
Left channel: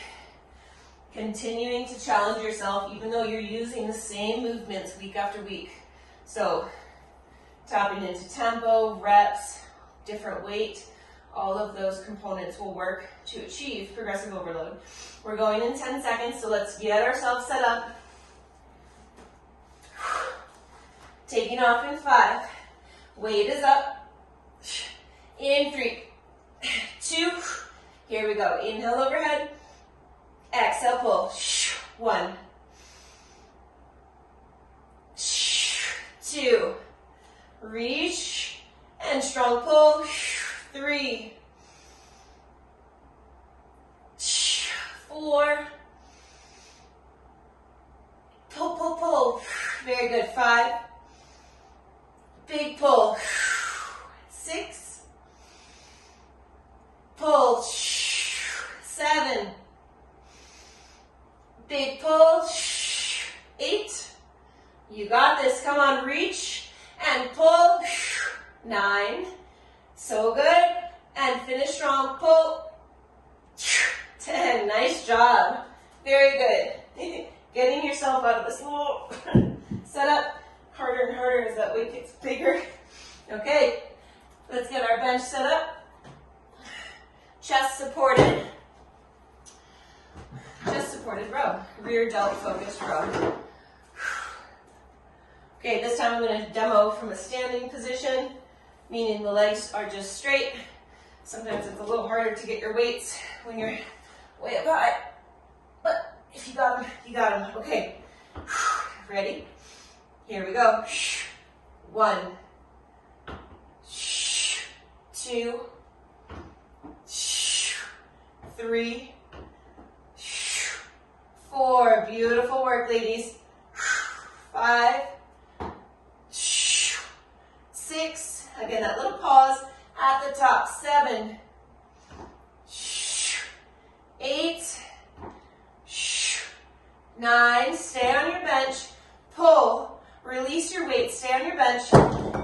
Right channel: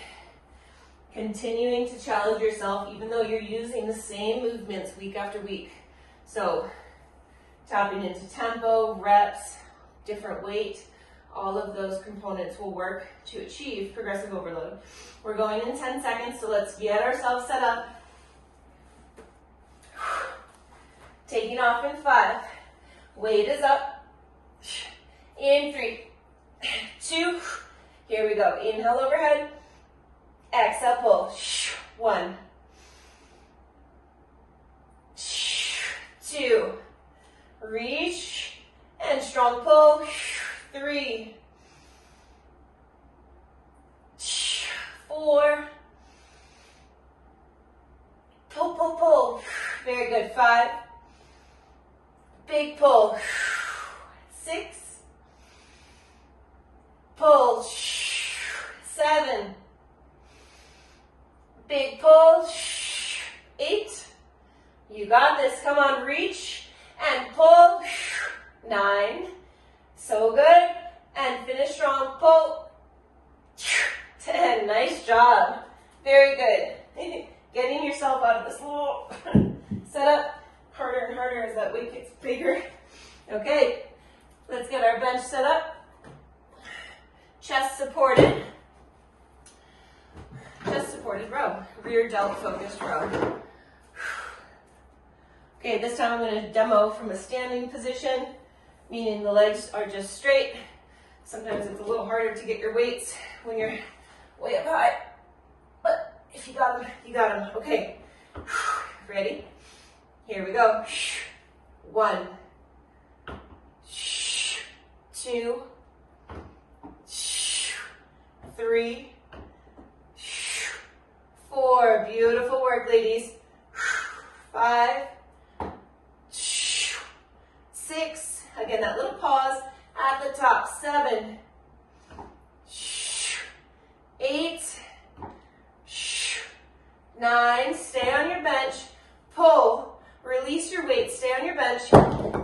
Continuing to challenge yourself even though you're using the same movements week after week. So tapping into tempo, reps, different weight, all of those components will work to achieve progressive overload. We're going in 10 seconds, so let's get ourselves set up. Taking off in 5. Weight is up. In 3, 2, here we go. Inhale overhead. Exhale, pull. 1, 2, reach, and strong pull. 3, 4, pull, pull, pull. Very good. 5, big pull. 6, pull. 7, big pull. 8, you got this. Come on, reach and pull. 9, so good. And finish strong, pull. 10, nice job. Very good. Getting yourself out of this little setup harder and harder as that weight gets bigger. Okay, let's get our bench set up. chest supported row, rear delt focused row. Okay, this time I'm going to demo from a standing position, meaning the legs are just straight. Sometimes it's a little harder to get your weights when you're way up high, but if you got them, you got them. Okay, ready? Here we go. 1, 2, 3, 4. Beautiful work, ladies. 5, 6. Again, that little pause at the top. 7, 8, 9. Stay on your bench. Pull. Release your weight. Stay on your bench.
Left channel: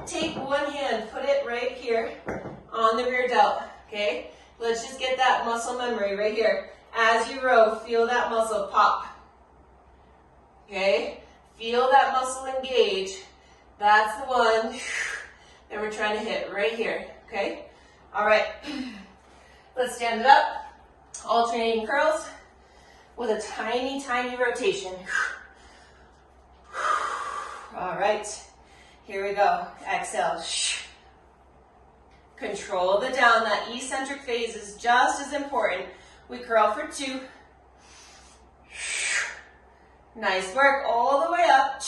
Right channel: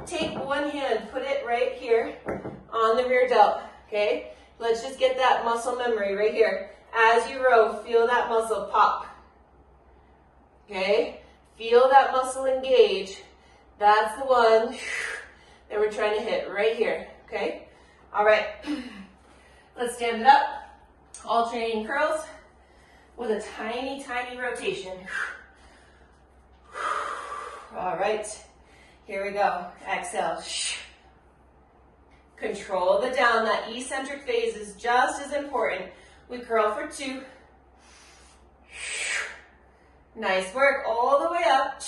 Take one hand. Put it right here on the rear delt. Okay? Let's just get that muscle memory right here. As you row, feel that muscle pop. Okay? Feel that muscle engage. That's the one that we're trying to hit right here. Okay? All right. Let's stand it up. Alternating curls with a tiny, tiny rotation. All right. Here we go. Exhale. Control the down. That eccentric phase is just as important. We curl for 2. Nice work. All the way up.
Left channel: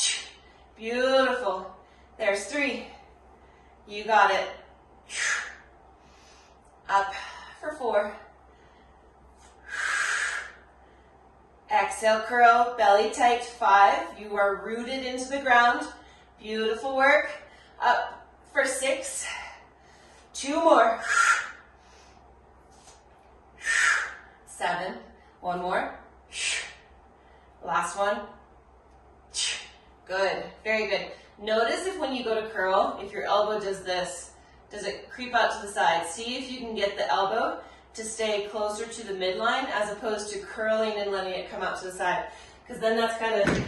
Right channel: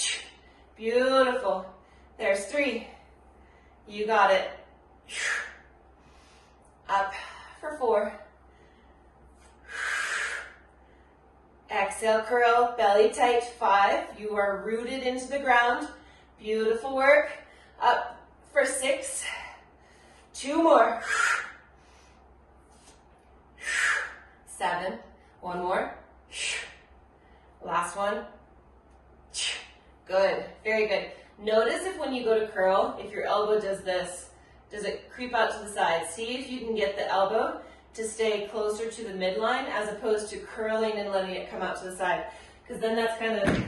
Beautiful. There's 3. You got it. Up for 4. Exhale, curl, belly tight. 5. You are rooted into the ground. Beautiful work. Up for 6. 2 more. 7. 1 more. Last one. Good. Very good. Notice if when you go to curl, if your elbow does this, does it creep out to the side? See if you can get the elbow to stay closer to the midline as opposed to curling and letting it come out to the side. Because then that's kind of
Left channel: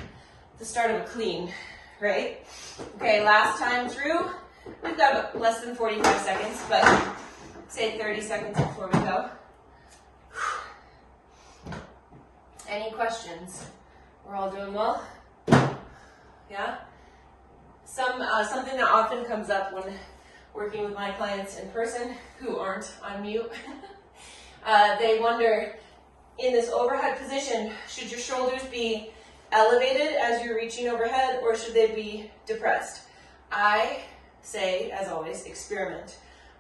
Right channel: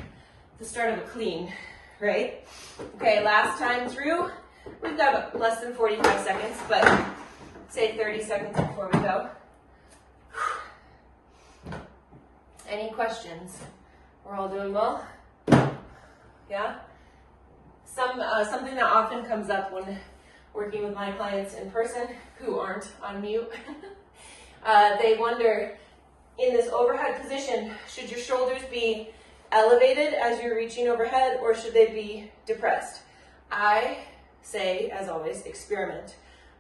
the start of a clean, right? Okay, last time through. We've got less than 45 seconds, but say 30 seconds before we go. Any questions? We're all doing well? Yeah? Something that often comes up when working with my clients in person who aren't on mute, they wonder, in this overhead position, should your shoulders be elevated as you're reaching overhead or should they be depressed? I say, as always, experiment.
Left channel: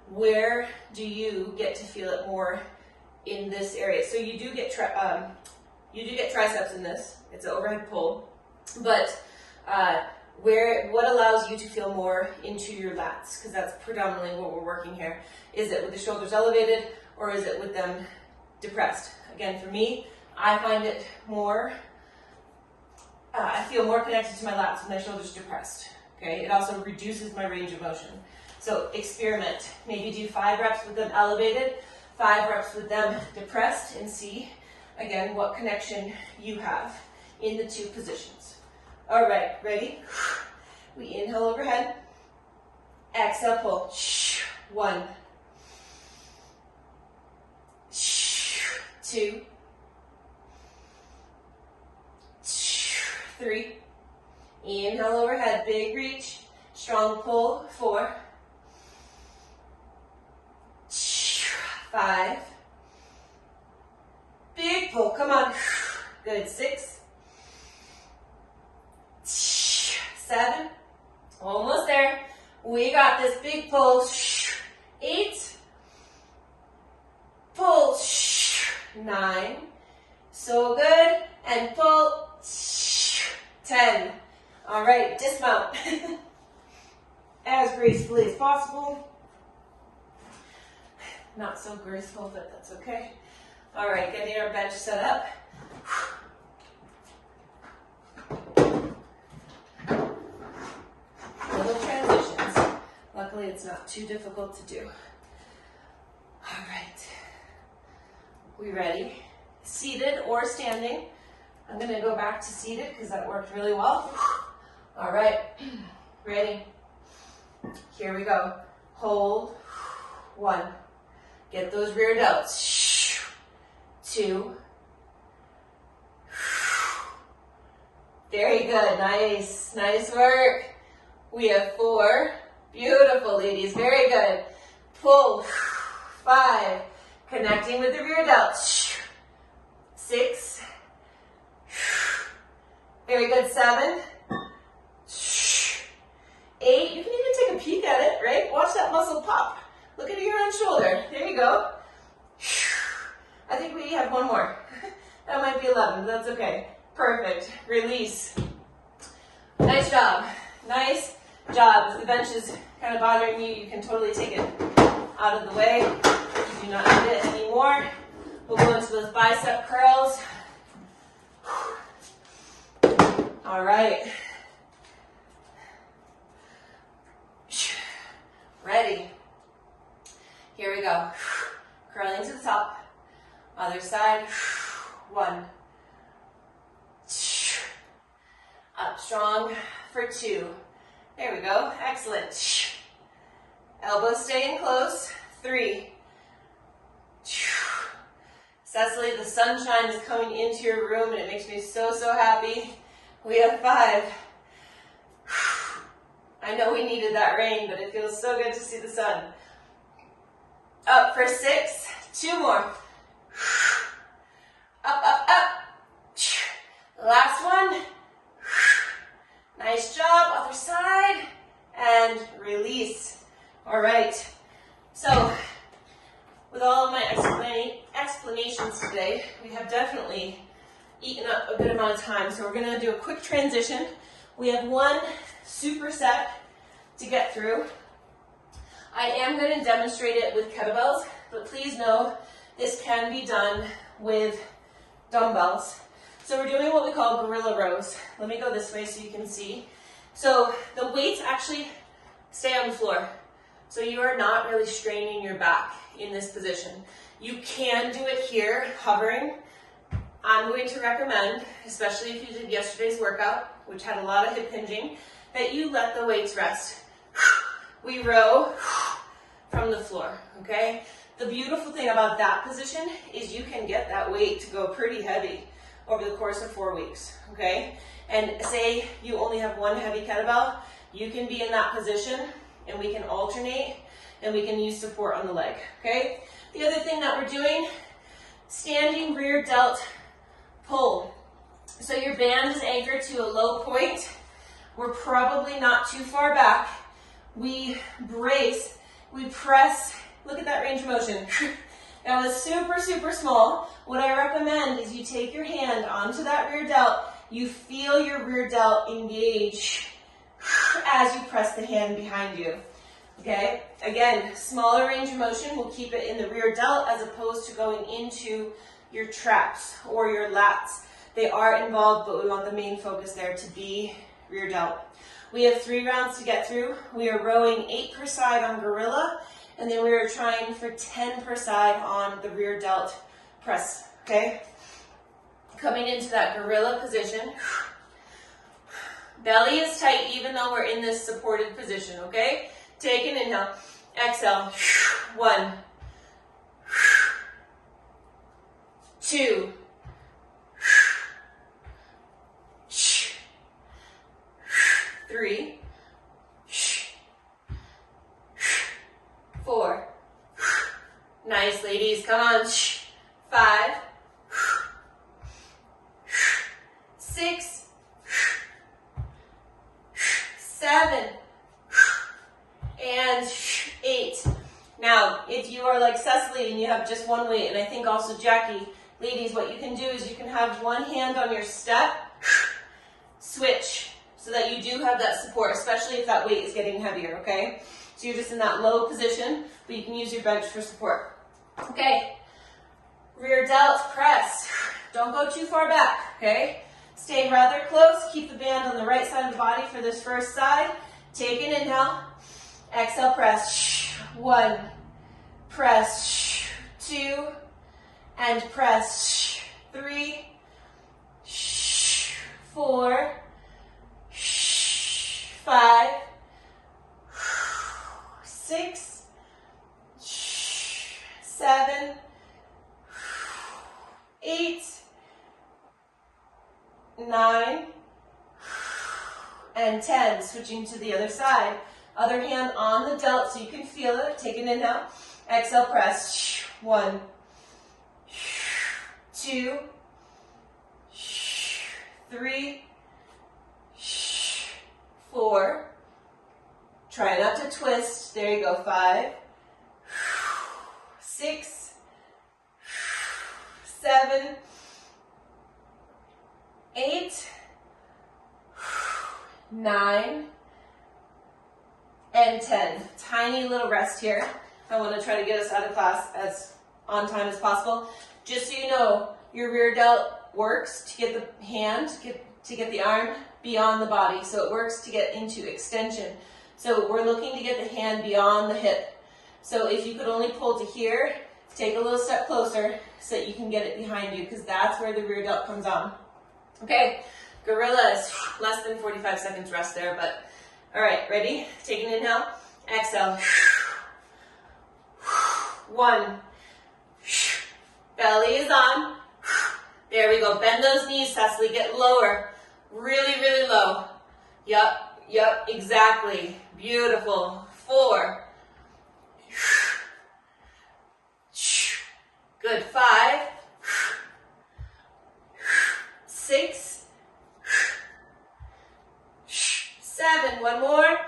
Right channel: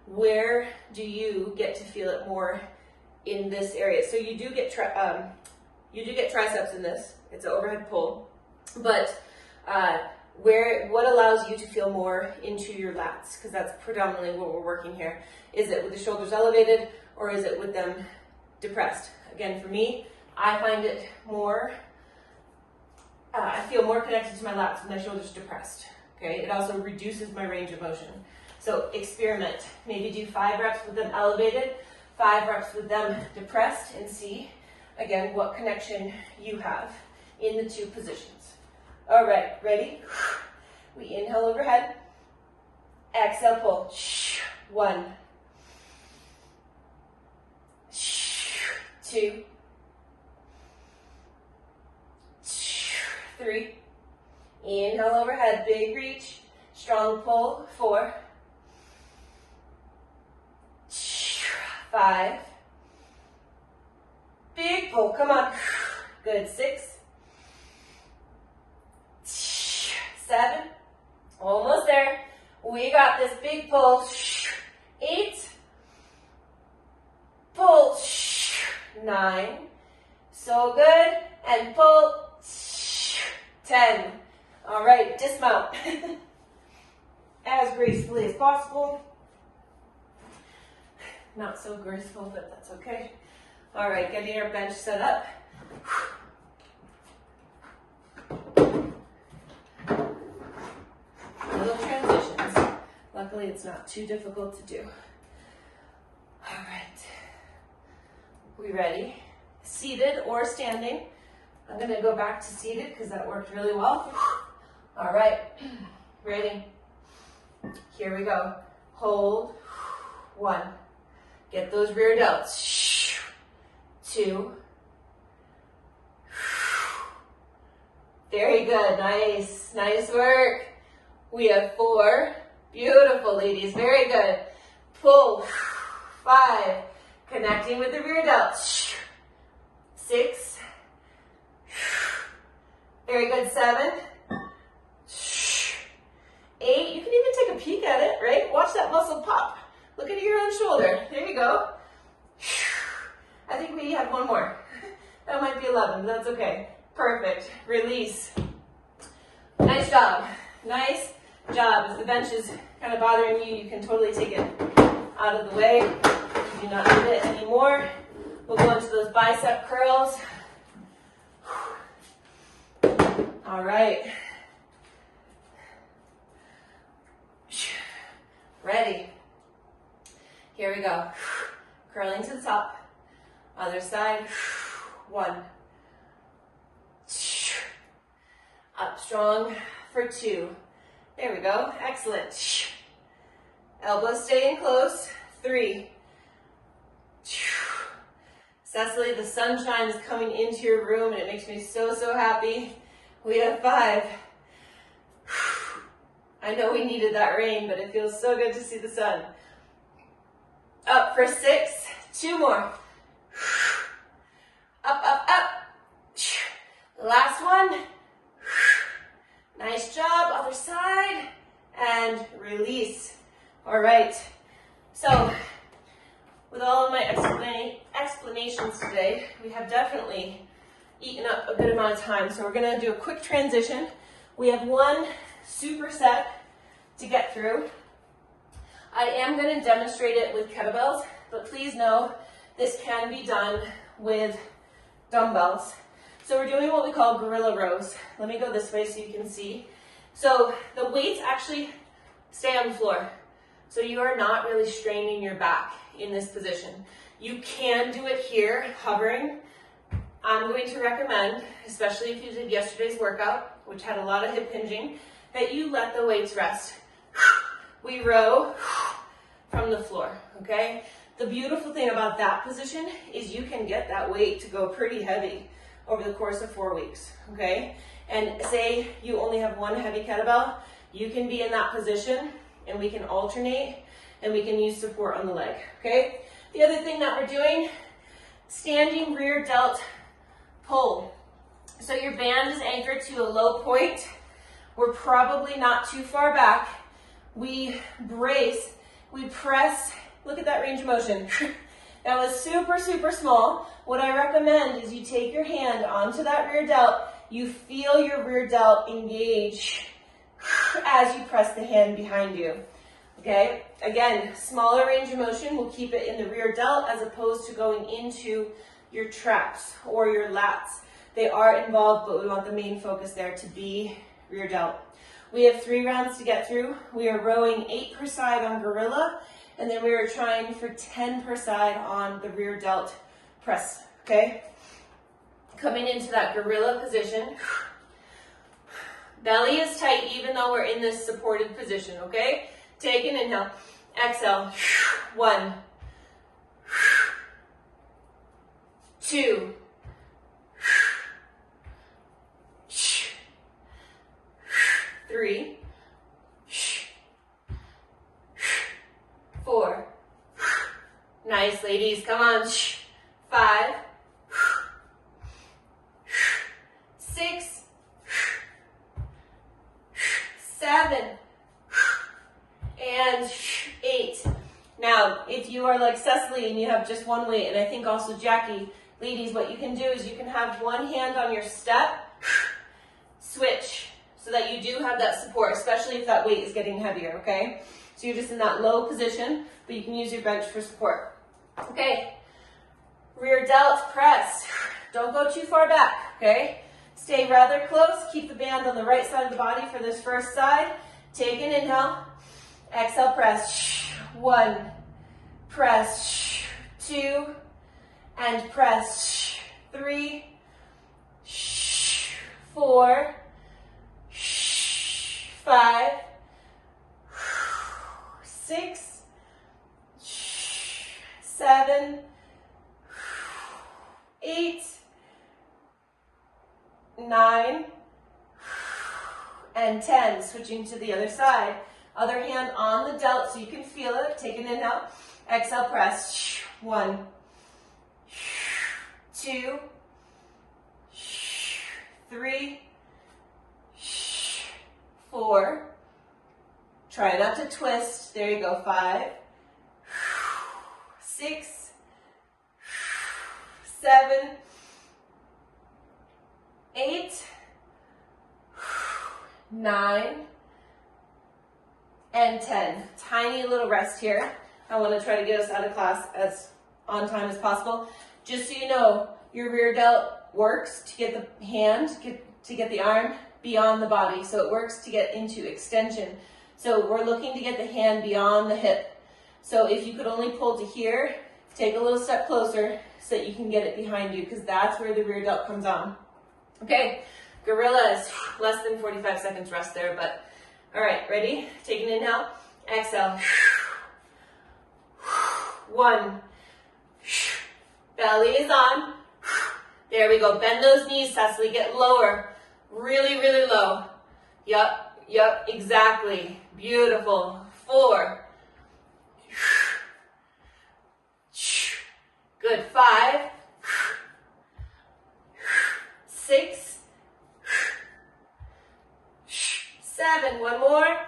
Where do you get to feel it more in this area? So you do get triceps in this. It's an overhead pull, but what allows you to feel more into your lats? Because that's predominantly what we're working here. Is it with the shoulders elevated or is it with them depressed? Again, for me, I find it more. I feel more connected to my lats with my shoulders depressed. Okay, it also reduces my range of motion. So experiment. Maybe do 5 reps with them elevated, 5 reps with them depressed, and see, again, what connection you have in the 2 positions. All right, ready? We inhale overhead. Exhale, pull. 1, 2, 3. Inhale overhead, big reach, strong pull. 4, 5, big pull, come on. Good, 6, 7, almost there. We got this, big pull. 8, pull. 9, so good, and pull. 10. All right, dismount as gracefully as possible. Not so graceful, but that's okay. All right, getting our bench set up. Little transitions. Luckily, it's not too difficult to do. All right, we ready? Seated or standing. I'm going to go back to seated because that worked really well. All right, ready? Here we go. Hold. 1, Get those rear delts. 2. Very good. Nice. Nice work. We have 4. Beautiful, ladies. Very good. Pull. 5. Connecting with the rear delts. 6. Very good. 7. 8. You can even take a peek at it, right? Watch that muscle pop. Look at your own shoulder. There you go. I think we have one more. That might be 11, but that's okay. Perfect. Release. Nice job. Nice job. If the bench is kind of bothering you, you can totally take it out of the way. You do not need it anymore. We'll go into those bicep curls. All right. Ready. Here we go. Curling to the top. Other side. 1. Up strong for 2. There we go. Excellent. Elbows staying close. 3. Cecily, the sunshine is coming into your room and it makes me so, so happy. We have 5. I know we needed that rain, but it feels so good to see the sun. Up for 6. 2 more. Up, up, up. Last one. Nice job. Other side. And release. All right. So, with all of my explanations today, we have definitely eaten up a good amount of time. So we're going to do a quick transition. We have 1 superset to get through. I am going to demonstrate it with kettlebells, but please know this can be done with dumbbells. So we're doing what we call gorilla rows. Let me go this way so you can see. So the weights actually stay on the floor. So you are not really straining your back in this position. You can do it here, hovering. I'm going to recommend, especially if you did yesterday's workout, which had a lot of hip hinging, that you let the weights rest. We row from the floor, okay? The beautiful thing about that position is you can get that weight to go pretty heavy over the course of 4 weeks, okay? And say you only have 1 heavy kettlebell, you can be in that position and we can alternate and we can use support on the leg, okay? The other thing that we're doing, standing rear delt pull. So your band is anchored to a low point. We're probably not too far back. We brace, we press, look at that range of motion. That was super, super small. What I recommend is you take your hand onto that rear delt, you feel your rear delt engage as you press the hand behind you. Okay, again, smaller range of motion, we'll keep it in the rear delt as opposed to going into your traps or your lats. They are involved, but we want the main focus there to be rear delt. We have 3 rounds to get through. We are rowing 8 per side on gorilla, and then we are trying for 10 per side on the rear delt press, okay? Coming into that gorilla position. Belly is tight even though we're in this supported position, okay? Take an inhale, exhale. 1, 2, 3, 4. Nice, ladies. Come on. 5, 6, 7, and 8. Now, if you are like Cecily and you have just 1 weight, and I think also Jackie, ladies, what you can do is you can have 1 hand on your step, switch, so that you do have that support, especially if that weight is getting heavier, okay? So you're just in that low position, but you can use your bench for support. Okay, rear delt press. Don't go too far back, okay? Stay rather close. Keep the band on the right side of the body for this first side. Take an inhale. Exhale, press. 1, press. 2, and press. 3, 4, 5, 6, 7, 8, 9, and 10. Switching to the other side. Other hand on the delt so you can feel it. Take an inhale. Exhale, press. 1, 2, 3, 4. Try not to twist. There you go. 5, 6, 7, 8, 9, and 10. Tiny little rest here. I want to try to get us out of class as on time as possible. Just so you know, your rear delt works to get the hand, to get the arm beyond the body. So it works to get into extension. So we're looking to get the hand beyond the hip. So if you could only pull to here, take a little step closer so that you can get it behind you, because that's where the rear delt comes on. Okay, gorillas, less than 45 seconds rest there, but all right, ready? Take an inhale, exhale. 1, belly is on. There we go, bend those knees, Cecily, get lower, really, really low. Yup, exactly, beautiful. 4, good, 5, 6, 7, one more,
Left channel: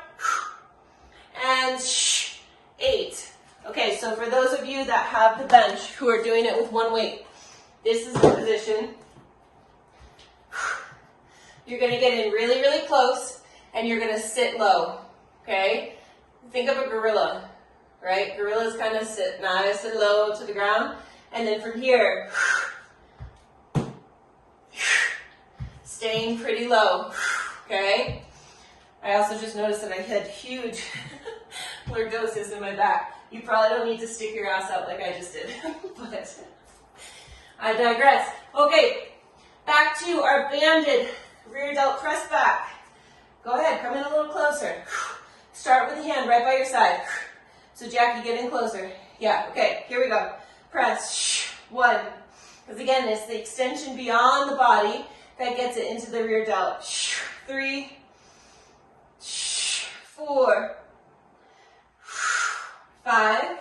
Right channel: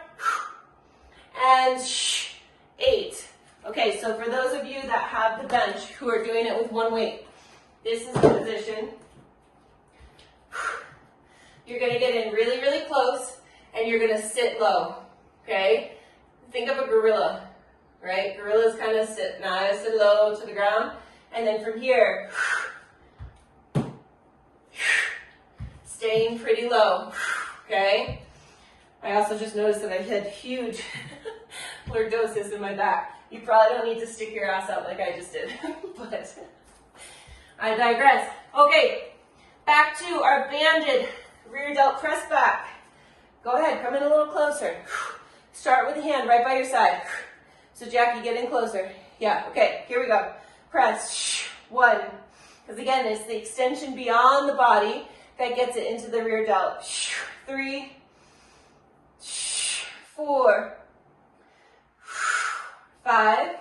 and 8. Okay, so for those of you that have the bench who are doing it with one weight, this is the position. You're going to get in really, really close, and you're going to sit low, okay? Think of a gorilla, right? Gorillas kind of sit nice and low to the ground, and then from here, staying pretty low, okay? I also just noticed that I had huge lordosis in my back. You probably don't need to stick your ass out like I just did, but I digress. Okay, back to our banded rear delt press back. Go ahead, come in a little closer. Start with the hand right by your side. So Jackie, get in closer. Yeah, okay, here we go. Press, 1. Because again, it's the extension beyond the body that gets it into the rear delt. 3, 4, 5,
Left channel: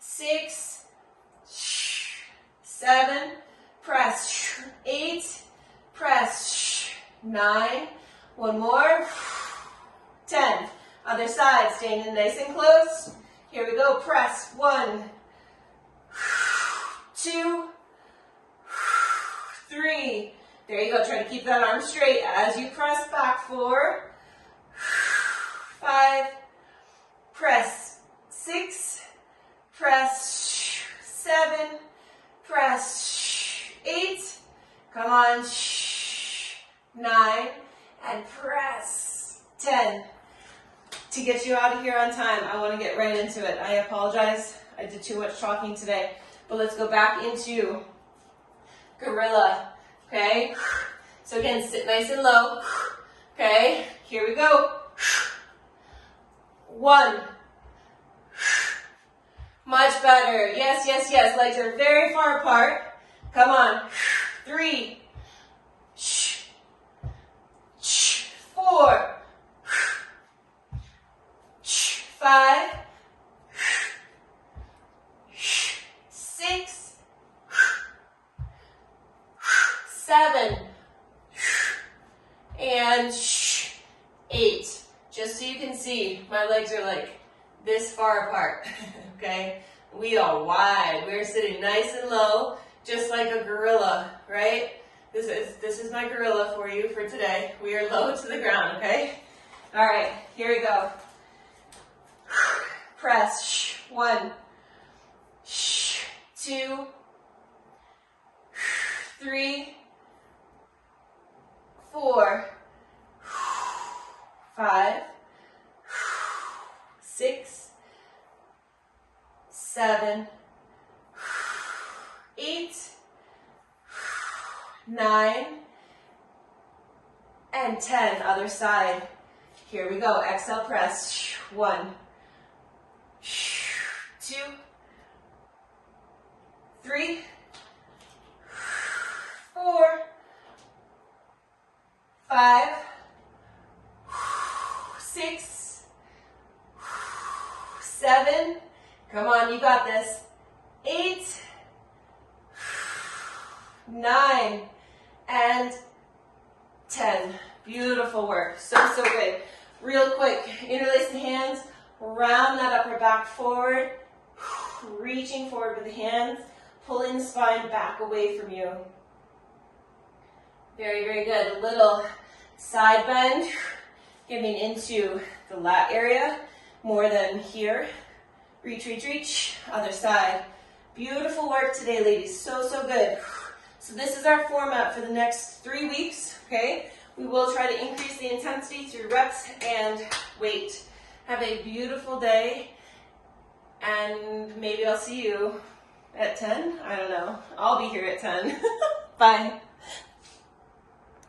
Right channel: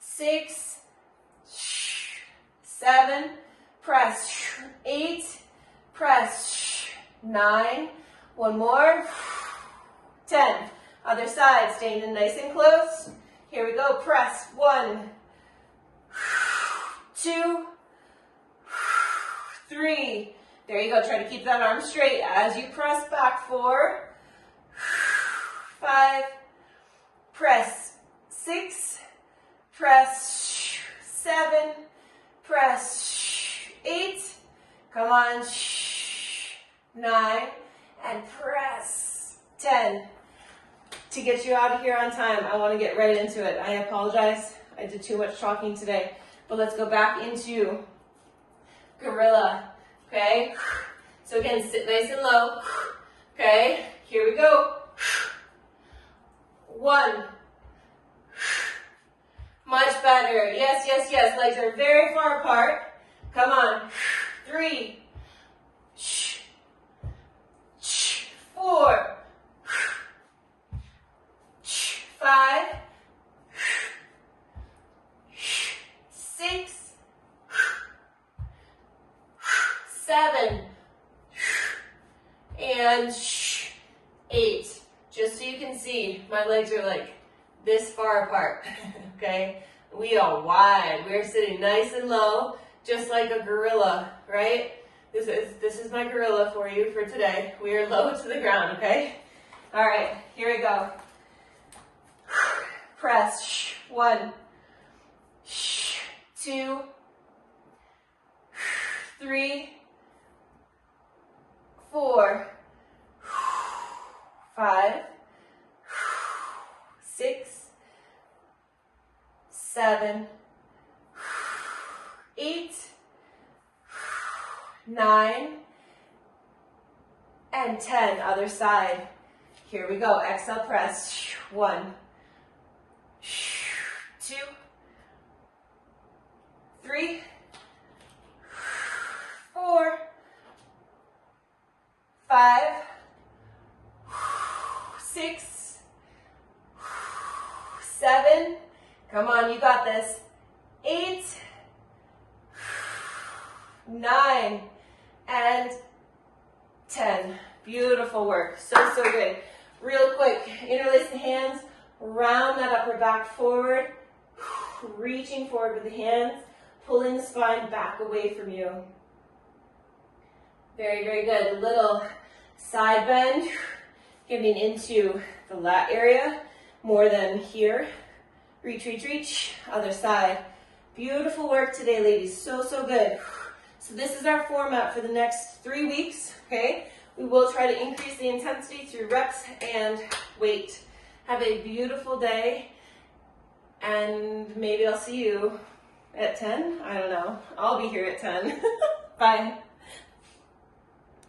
6, 7, press, 8, press, 9, one more, 10. Other side, staying in nice and close. Here we go, press, 1, 2, 3. There you go, try to keep that arm straight as you press back. 4, 5, press, 6, press, 7, press, 8, come on, 9, and press, 10. To get you out of here on time, I want to get right into it. I apologize, I did too much talking today, but let's go back into gorilla, okay? So again, sit nice and low, okay? Here we go. 1. Much better. Yes, yes, yes. Legs are very far apart. Come on. 3. 4. 5. 6. 7. And 8. Just so you can see, my legs are like this far apart, okay? We are wide. We're sitting nice and low, just like a gorilla, right? This is my gorilla for you for today. We are low to the ground, okay? All right, here we go. Press, 1, 2, 3, 4, 5, 6, 7, 8, 9, and 10. Other side. Here we go. Exhale, press. 1, 2, 3, 4, 5, 6, 7, come on, you got this, 8, 9, and 10. Beautiful work. So good. Real quick, interlace the hands, round that upper back forward, reaching forward with the hands, pulling the spine back away from you. Very, very good. A little side bend, getting into the lat area more than here. Reach, reach, reach. Other side. Beautiful work today, ladies. So good. So this is our format for the next 3 weeks, okay? We will try to increase the intensity through reps and weight. Have a beautiful day, and maybe I'll see you at 10. I don't know. I'll be here at 10. Bye.